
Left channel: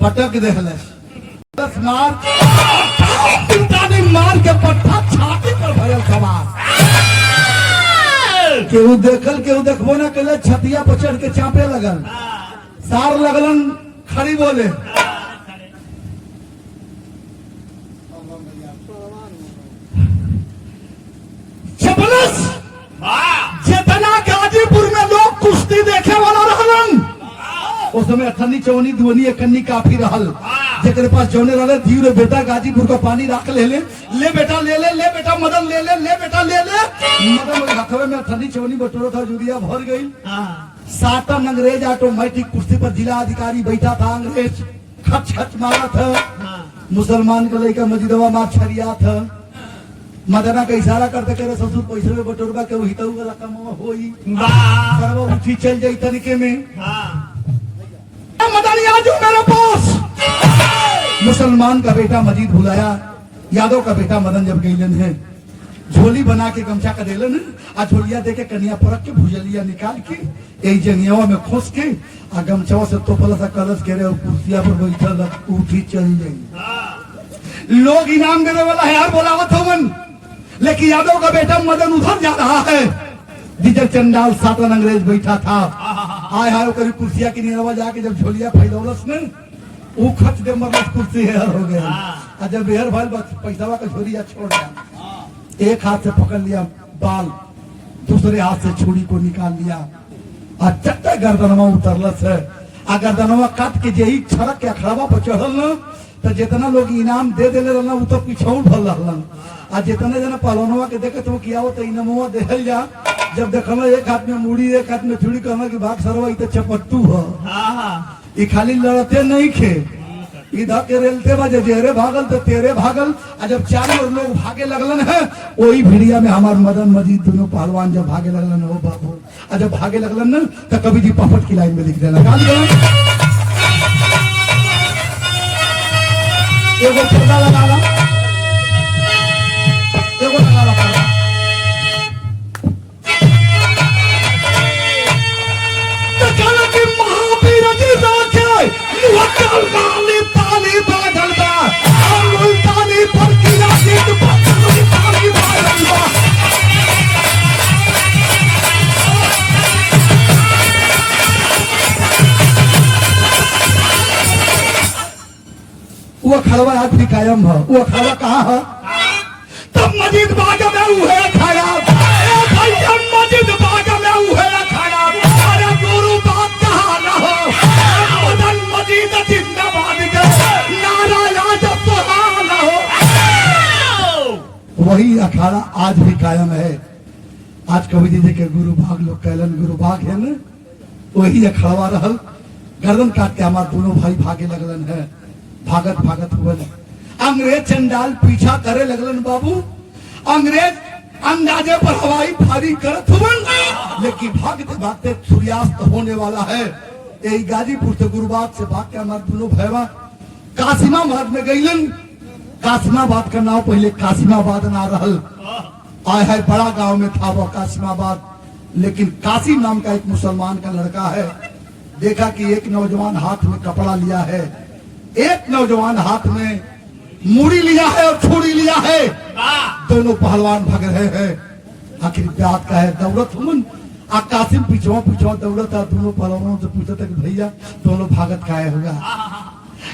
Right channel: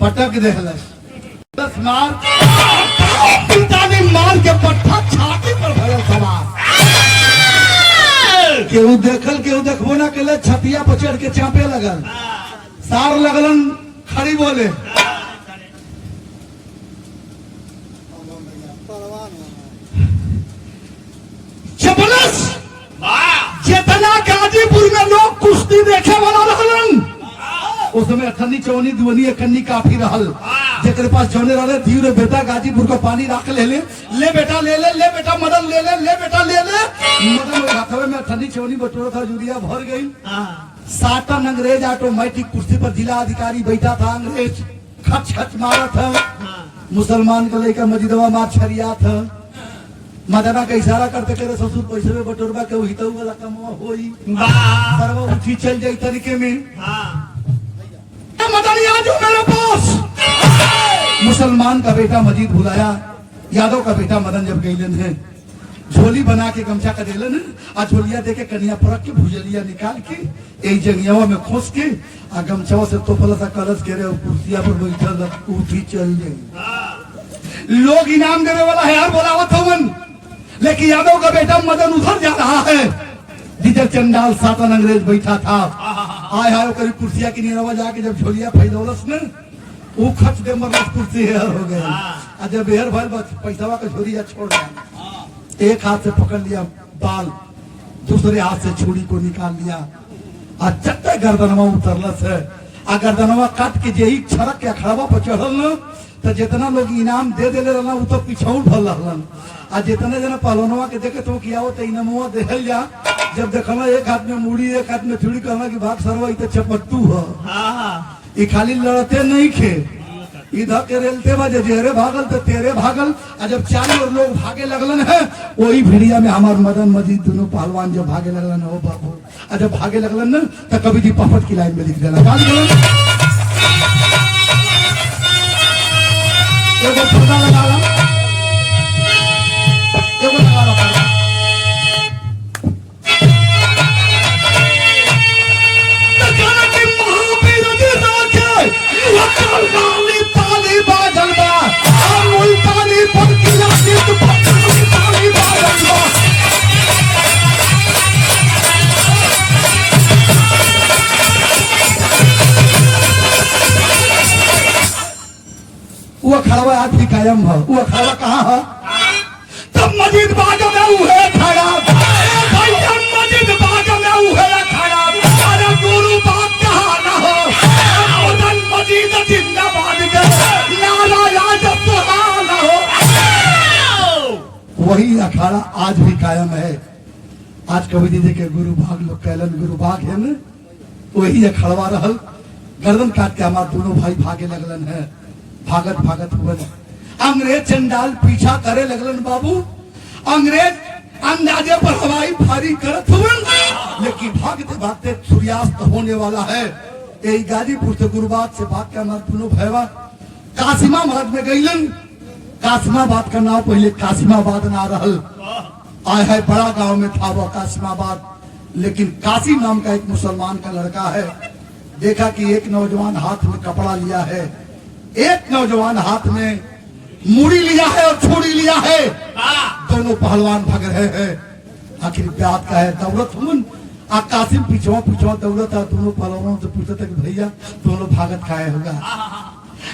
पटक देहलस मार मार के पट्टा छाती पर भयल सवार। केहू देखल केहू देखबो ना कैले, छतिया पर चढ़ के चापे लगल, सार लगलन खड़ी बोले चपलस। जितना गाजीपुर में लोग कुश्ती देखे वाला रहलन उस समय अखन्नी चौनी दुवनी अखन्नी काफी रहल, जेकर पास जौने रहले धीरे बेटा गाजीपुर को पानी रख ले बेटा ले ले बेटा मदन ले ले बेटा ले मदन हाथवे में अखन्नी चौनी बटोरा था, जुड़िया भर गई। सातन अंग्रेज ऑटोमेटिक कुश्ती पर जिला अधिकारी बैठा था, अंग्रेज खच खच मारा था, मुसलमान का लड़का मजिदवा मार छरिया था। मदना का इशारा करते करे ससुर पैसे में बटोरवा के हितऊ वाला कमवा होई सर्व उठी चल जाई तनिके में। मदन याद मेरे पास मुसलमान का बेटा मजीद बुलाया, यादव का बेटा मदन जब गईलन है झोली बना के गमछा का देलन है, आ झोलिया दे के कनिया परख के भुजलिया निकाल के एक जंगियावा में खोस के आ गमछवा से तोपला सा कलश के रे कुर्सिया पर बैठल उठी चल गई। लोग इनाम देने वाला है यार बोलावत होवन, लेकिन यादव का बेटा मदन उधर जा रहा है जिधर चंडाल सातन अंग्रेज बैठा था। आय हाय करीब कुर्सिया की नीरवा जाके जब झोलिया फैलौलस ने वो खच दे मरस कुर्सी हेर हो गया। और जब हेर भइल बस पैसावा का झोलिया छोड़ दिया, एक हाथ से पकड़ लिया बाल, दूसरे हाथ से छुरी को निकाल लिया और चट्टे गर्दनवा उतरलस है। आ गर्दनवा काट के जेही छड़क के अखाड़ा पर चढ़ल न तो जितना लोग इनाम दे देले रहना वो तो पिछौल भल रहलन। आ जितने जना पहलवानवा के देखे तो किया हो तो इनामवा देहल जा, जब देखना एक हाथ में मुड़ी एक हाथ में छुरी कहना कि भाग सरवा तो चपट्टू हो, ये खाली लड़ते नहीं खे इधर के रेलते बजे जेरे भागल तो तेरे भागल। और जब चारों लोग भागे लगलन है, वही भिड़िया में हमार मदन मजीद दोनों पहलवान जब भागे लगलन हो बाबू, और जब भागे लगलन ना तो कभी जी पफट की लाइन में लिख देना गाली गलन एगो ठेका लगा ला, एगो लगा ला पड़ा। तो चल के महावीर जी जाके मुहक्कल गाली ताली बाजल बा, और मुल्तानी पर किला के तो ताली बाजल बा। वो खड़वा आज भी कायम है। वो खड़वा कहाँ है? तब मजीद बाग में उहे खड़ा, भैया मजीद बाग में उहे खड़ा। अरे गुरु बाग कहाँ न हो, मदन मजीद जिंदाबाद के नारा आज सुहान हो। वही अखाड़ा आज भी कायम है। आज कवि जी के गुरु भाग लोग कहलन गुरु भाग है न, वही अखाड़ा रहल। गर्दन काट के हमारे दोनों भाई भागे लगलन है। भागत भागत हुआ अंग्रेज चंडाल पीछा करे लगलन बाबू। अंग्रेज अंदाजे पर हवाई फायरी करत हुए, लेकिन भागते भागते सूर्यास्त होने वाला है। यही गाजीपुर से गुरुबाग से भाग के हमारे दोनों भैया कासिमाबाद में गईलन। कासिमाबाद का नाम पहले कासिमाबाद ना रहल, आए है बड़ा गांव में था वो कासिमाबाद। लेकिन कासिम नाम का एक मुसलमान का लड़का है। देखा कि एक नौजवान हाथ में कपड़ा लिया है, एक नौजवान हाथ में मूड़ी लिया है और छुरी लिया है। दोनों पहलवान भाग रहे हैं। आखिर ब्यात का है दौड़त हुन। कासिम पीछवा पीछवा दौड़त था। दोनों पहलवानों से पूछते थे कि भैया दोनों भागत खाए होगा।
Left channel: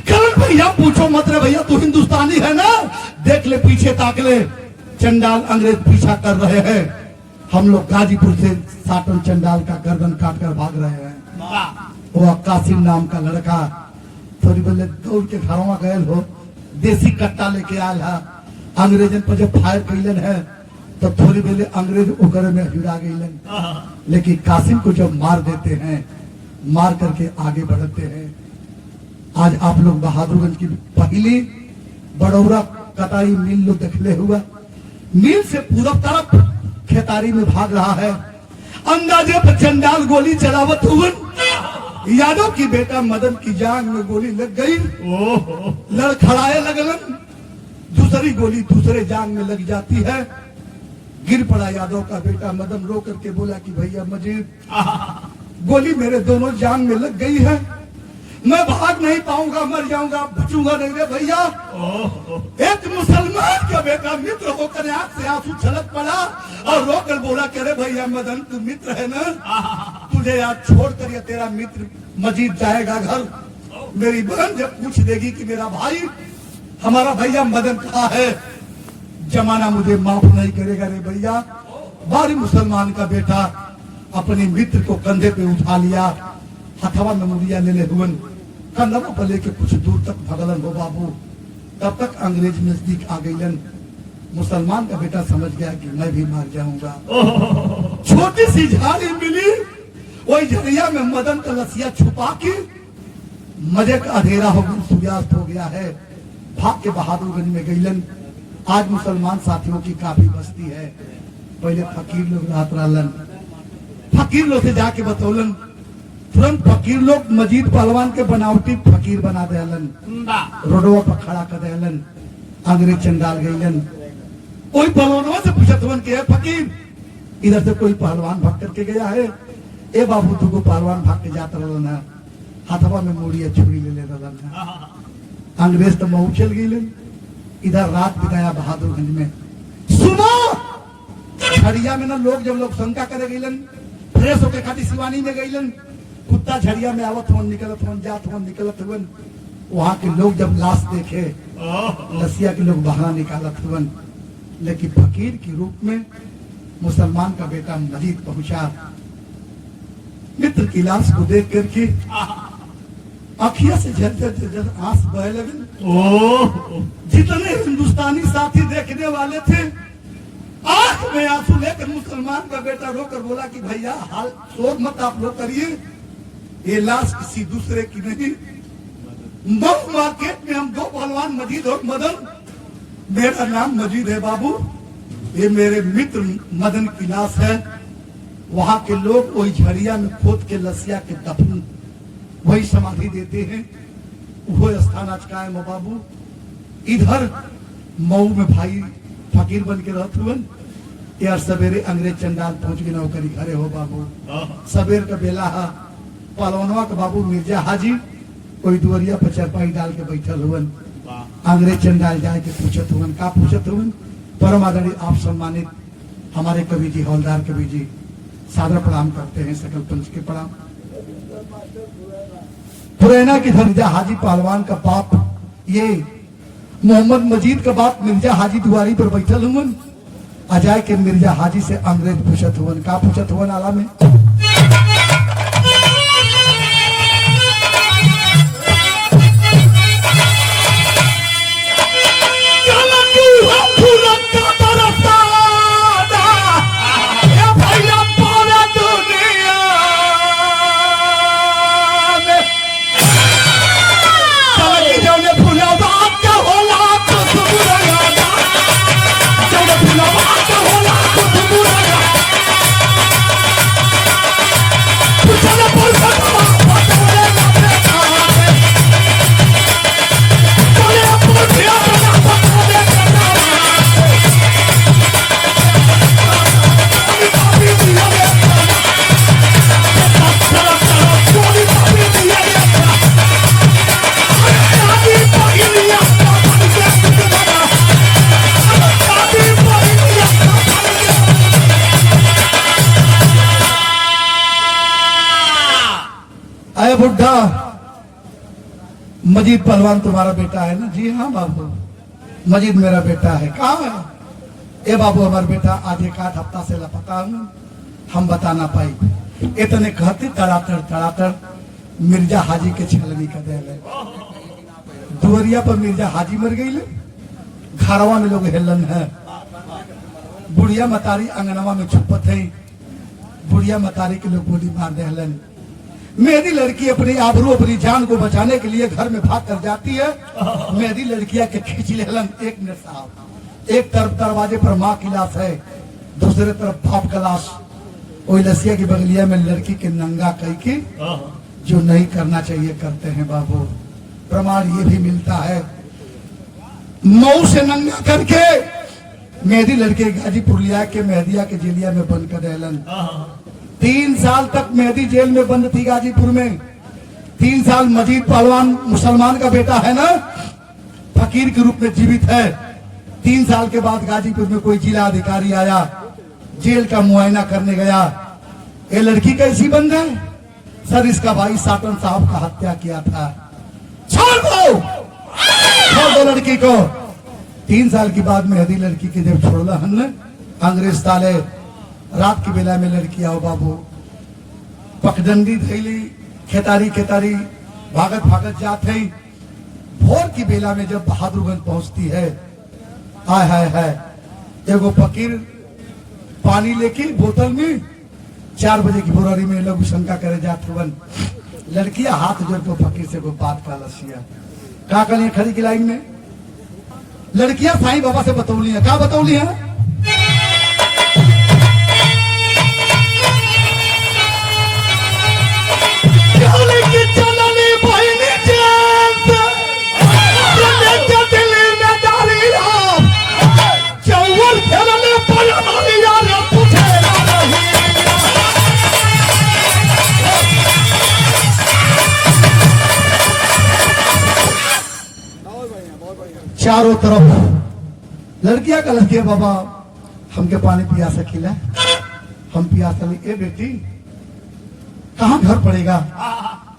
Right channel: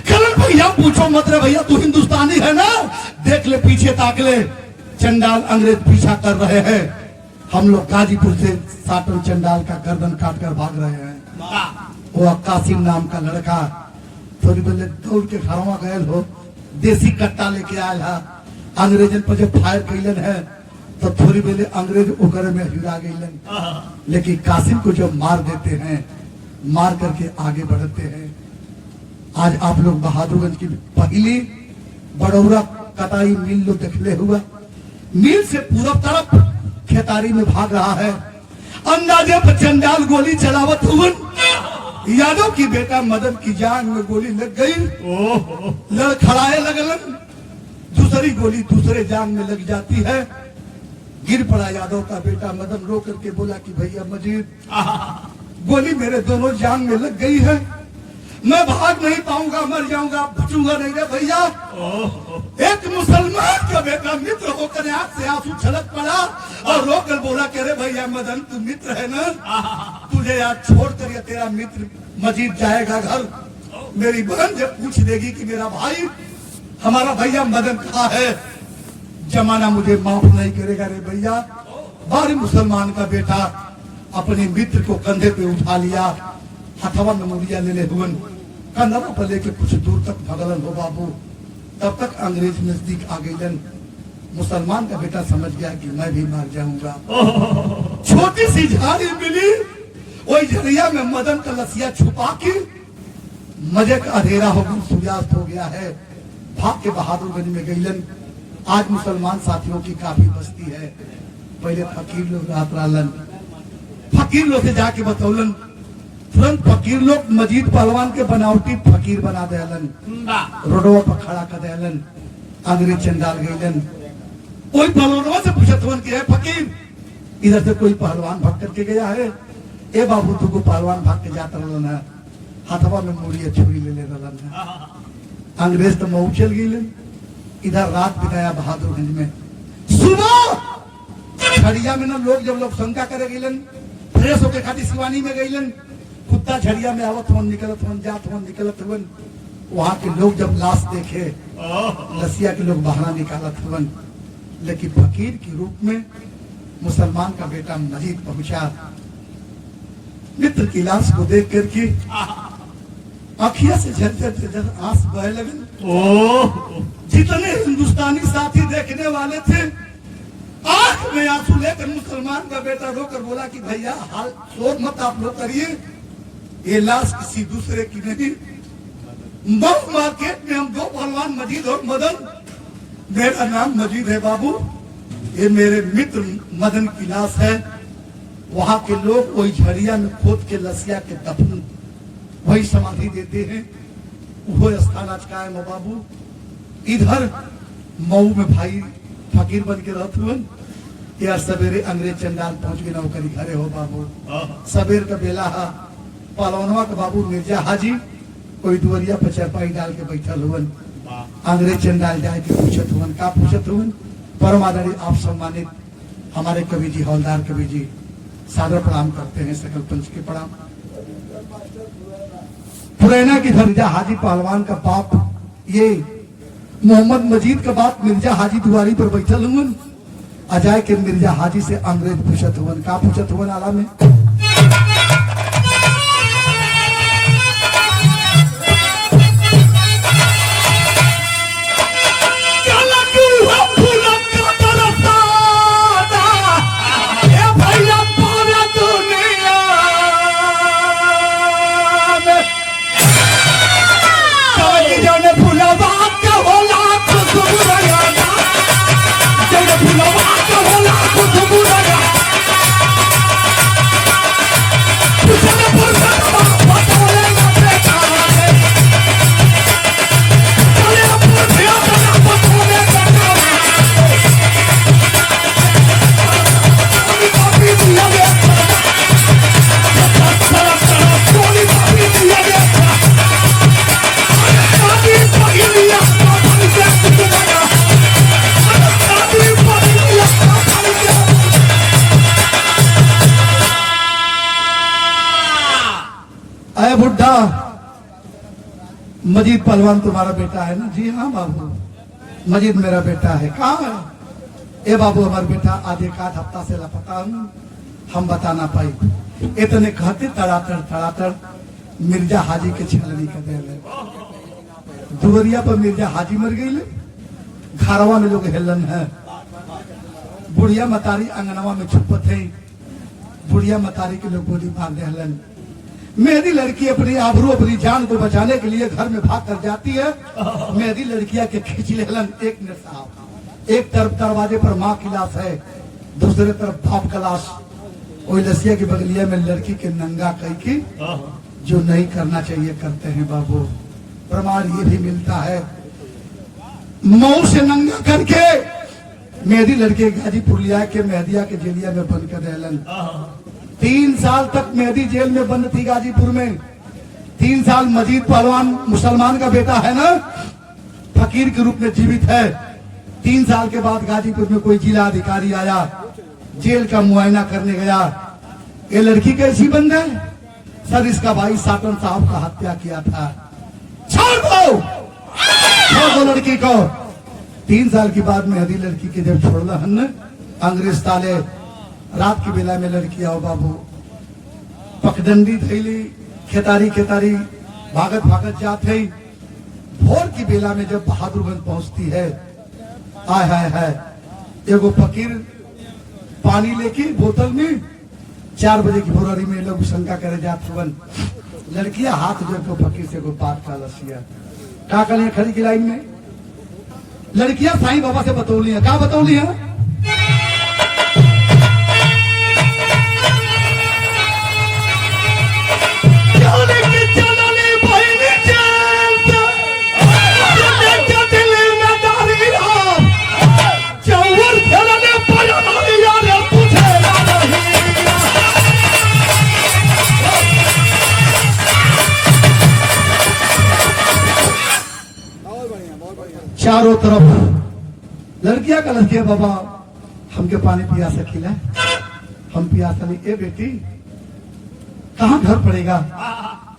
कहलन भैया पूछो मत रे भैया, तू हिंदुस्तानी है ना, देख ले पीछे ताक ले। चंडाल अंग्रेज पीछा कर रहे हैं। हम लोग गाजीपुर से साटन चंडाल का गर्दन काट कर भाग रहे हैं। वो कासिम नाम का लड़का थोड़ी पहले दौड़ के घरवा गए हो, देसी कट्टा लेके आयल है। अंग्रेजन पर जब फायर कैलन है तो थोड़ी पहले अंग्रेज उगर में हिरा गईलन। लेकिन कासिम को जब मार देते हैं, मार करके आगे बढ़ते हैं। आज आप लोग बहादुरगंज की पहली बड़ौरा कटाई मिल लो देखले हुआ। मिल से पूरब तरफ खेतारी में भाग रहा है। अंदाजे पर चंडाल गोली चलावत हुए। यादव की बेटा मदन की जान में गोली लग गई। लड़खड़ाए लगलन। दूसरी गोली दूसरे जान में लग जाती है। गिर पड़ा यादव का बेटा मदन। रो करके बोला कि भैया मजीद गोली मेरे दोनों जान में लग गई है, मैं भाग नहीं पाऊंगा, मर जाऊंगा, बचूंगा नहीं रे भैया। एक मुसलमान का बेटा मित्र होकर आंख से आंसू छलक पड़ा और रोकर बोला करे भैया मदन तू मित्र है ना, तुझे याद छोड़ कर तेरा मित्र मजीद जाएगा घर। मेरी बहन जब पूछ देगी कि मेरा भाई हमारा भैया मदन कहाँ है, जमाना मुझे माफ नहीं करेगा रे भैया। बारी मुसलमान का बेटा अपने मित्र को कंधे पे उठा लिया, हथवा में मुड़िया लेने हुए कंधवा पर लेके कुछ दूर तक भगलन हो बाबू। तब तक अंग्रेज नजदीक आ गईलन। मुसलमान का बेटा समझ गया कि मैं भी मर जाऊंगा। छोटी सी झाड़ी मिली, वही झरिया में मदन का लसिया छुपा के मजे का अंधेरा हो गया, सूर्यास्त हो गया है। भाग के बहादुरगंज में गईलन। आज मुसलमान साथियों की काफी बस्ती है। पहले फकीर लोग रात रहलन, फकीर लोग से जाके बतौलन। तुरंत फकीर लोग मजीद पहलवान के बनावटी फकीर बना देलन, रोडवा पर खड़ा कर देलन। अंग्रेज चंडाल गईलन। कोई पहलवानों से पूछत हुन के है फकीर, इधर से कोई पहलवान भाग करके गया है। ए बाबू तुमको पहलवान भाग के जाता रहलन है, हाथवा में मुड़िया छुरी ले ले रहलन है। अंग्रेज तो मऊ चल गईलन। इधर रात बिताया बहादुरगंज में। सुबह झड़िया में ना लोग जब लोग शंका करे गईलन, फ्रेश होके खाती सिवानी में गईलन। कुत्ता झड़िया में आवत हम निकलत हम जात हम निकलत हुन। वहां के लोग जब लाश देखे, लसिया के लोग बहाना निकालत हुन। लेकिन फकीर के रूप में मुसलमान का बेटा मजीद पहुंचा। मित्र की लाश को देख करके अखिया से झरझर आंस बह लगन। जितने हिंदुस्तानी साथी देखने वाले थे, आंख में आंसू लेकर मुसलमान का बेटा रोकर बोला कि भैया हाल शोर मत आप लोग करिए, ये लाश किसी दूसरे की नहीं, मऊ मार्केट में हम दो पहलवान मजीद और मदन। मेरा नाम मजीद है बाबू, ये मेरे मित्र मदन की लाश है। वहां के लोग वही झड़िया में खोद के लसिया के दफन वही समाधि देते हैं। वो स्थान आज कायम है बाबू। इधर मऊ में भाई फकीर बन के रहते हुए यार सवेरे अंग्रेज चंडाल पहुंच के नौकरी घरे हो बाबू। सवेर का बेला है, पहलवानवा का बाबू मिर्जा हाजी कोई दुवरिया पे चरपाई डाल के बैठल हुए। अंग्रेज चंडाल जाए के पूछत हुए, का पूछत हुए? परम आदरणीय आप सम्मानित हमारे कवि जी हौलदार कवि जी सादर प्रणाम करते हैं, सकल पंच के प्रणाम। पुरैना की मिर्जा हाजी पहलवान का बाप ये मोहम्मद मजीद का बाप मिर्जा हाजी दुआरी पर बैठल हुए। अजाय के मिर्जा हाजी से अंग्रेज पूछत हुए, का पूछत हुए? आला में बुढ़ा मजीद पहलवान तुम्हारा बेटा है ना? जी हाँ बाबू, मजीद मेरा बेटा है। कहाँ है? ए बाबू हमारा बेटा आधे काट हफ्ता से लापता हूँ, हम बता ना पाई। इतने कहते तड़ातर मिर्जा हाजी के छलनी कर दे। दुवरिया पर मिर्जा हाजी मर गई ले, घरवा में लोग हेलन है। बुढ़िया मतारी अंगनवा में छुपत है, बुढ़िया मतारी के लोग गोली मार दे हलन। मेरी लड़की अपनी आबरू अपनी जान को बचाने के लिए घर में भाग कर जाती है। मेरी लड़कियां के खींच लेलन। एक मिनट साहब, एक तरफ दरवाजे पर माँ की लाश है, दूसरे तरफ बाप का लाश। कोई लसिया की बगलिया में लड़की के नंगा कई की जो नहीं करना चाहिए करते हैं बाबू। प्रमाण ये भी मिलता है, मऊ से नंगा करके मेरी लड़की गाजीपुर लिया के मेहदिया के जेलिया में बंद कर रहलन। 3 साल तक मेहदी जेल में बंद थी गाजीपुर में। 3 साल मजीद पहलवान मुसलमान का बेटा है ना, फकीर के रूप में जीवित है। 3 साल के बाद गाजीपुर में कोई जिला अधिकारी आया, जेल का मुआयना करने गया। ये लड़की कैसी बंद है? सर इसका भाई साटन साहब का हत्या किया था। छोड़ दो लड़की को। 3 साल के बाद मेहदी लड़की के जब छोड़ा हमने, अंग्रेज ताले रात की बेला में लड़की आओ बाबू पखडंडी थैली खेतारी भागत जात है। भोर की बेला में जब बहादुरगंज पहुंचती है, आय हाय हाय, एगो फकीर पानी लेके बोतल में 4 बजे की भोरारी में लोग शंका करे जाते बन। लड़कियां हाथ जोड़ को फकीर से को बात का लसिया का कल खड़ी की लाइन में लड़कियां साईं बाबा से बतौली है। क्या बतौली है? चारों तरफ लड़कियां का लड़कियां बाबा हमके पानी पिया सकीला, हम पिया सली। ए बेटी कहाँ घर पड़ेगा?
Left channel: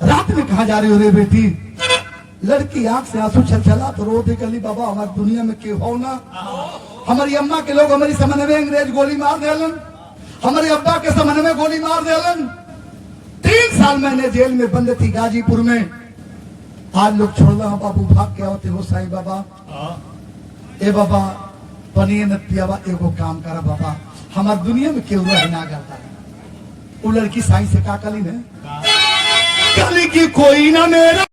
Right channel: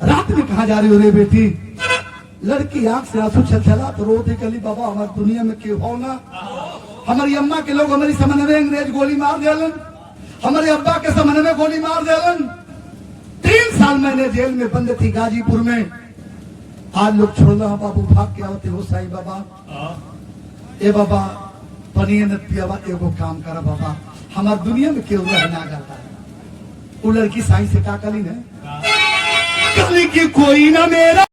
रात में कहाँ जा रही हो रे बेटी? लड़की आंख से आंसू छलछला तो रो दे कहली बाबा हमारी दुनिया में क्यों हो ना। हमारी अम्मा के लोग हमारी समन में अंग्रेज गोली मार देलन, हमारे अब्बा के समन में गोली मार देलन। 3 साल मैंने जेल में बंद थी गाजीपुर में। आज लोग छोड़ो हम बाबू भाग के होते हो साईं बाबा। ए बाबा पनीर न पियावा, एगो काम करा बाबा, हमार दुनिया में क्यों रहना करता है। वो लड़की साईं से का कली है, कली की कोई ना मेरा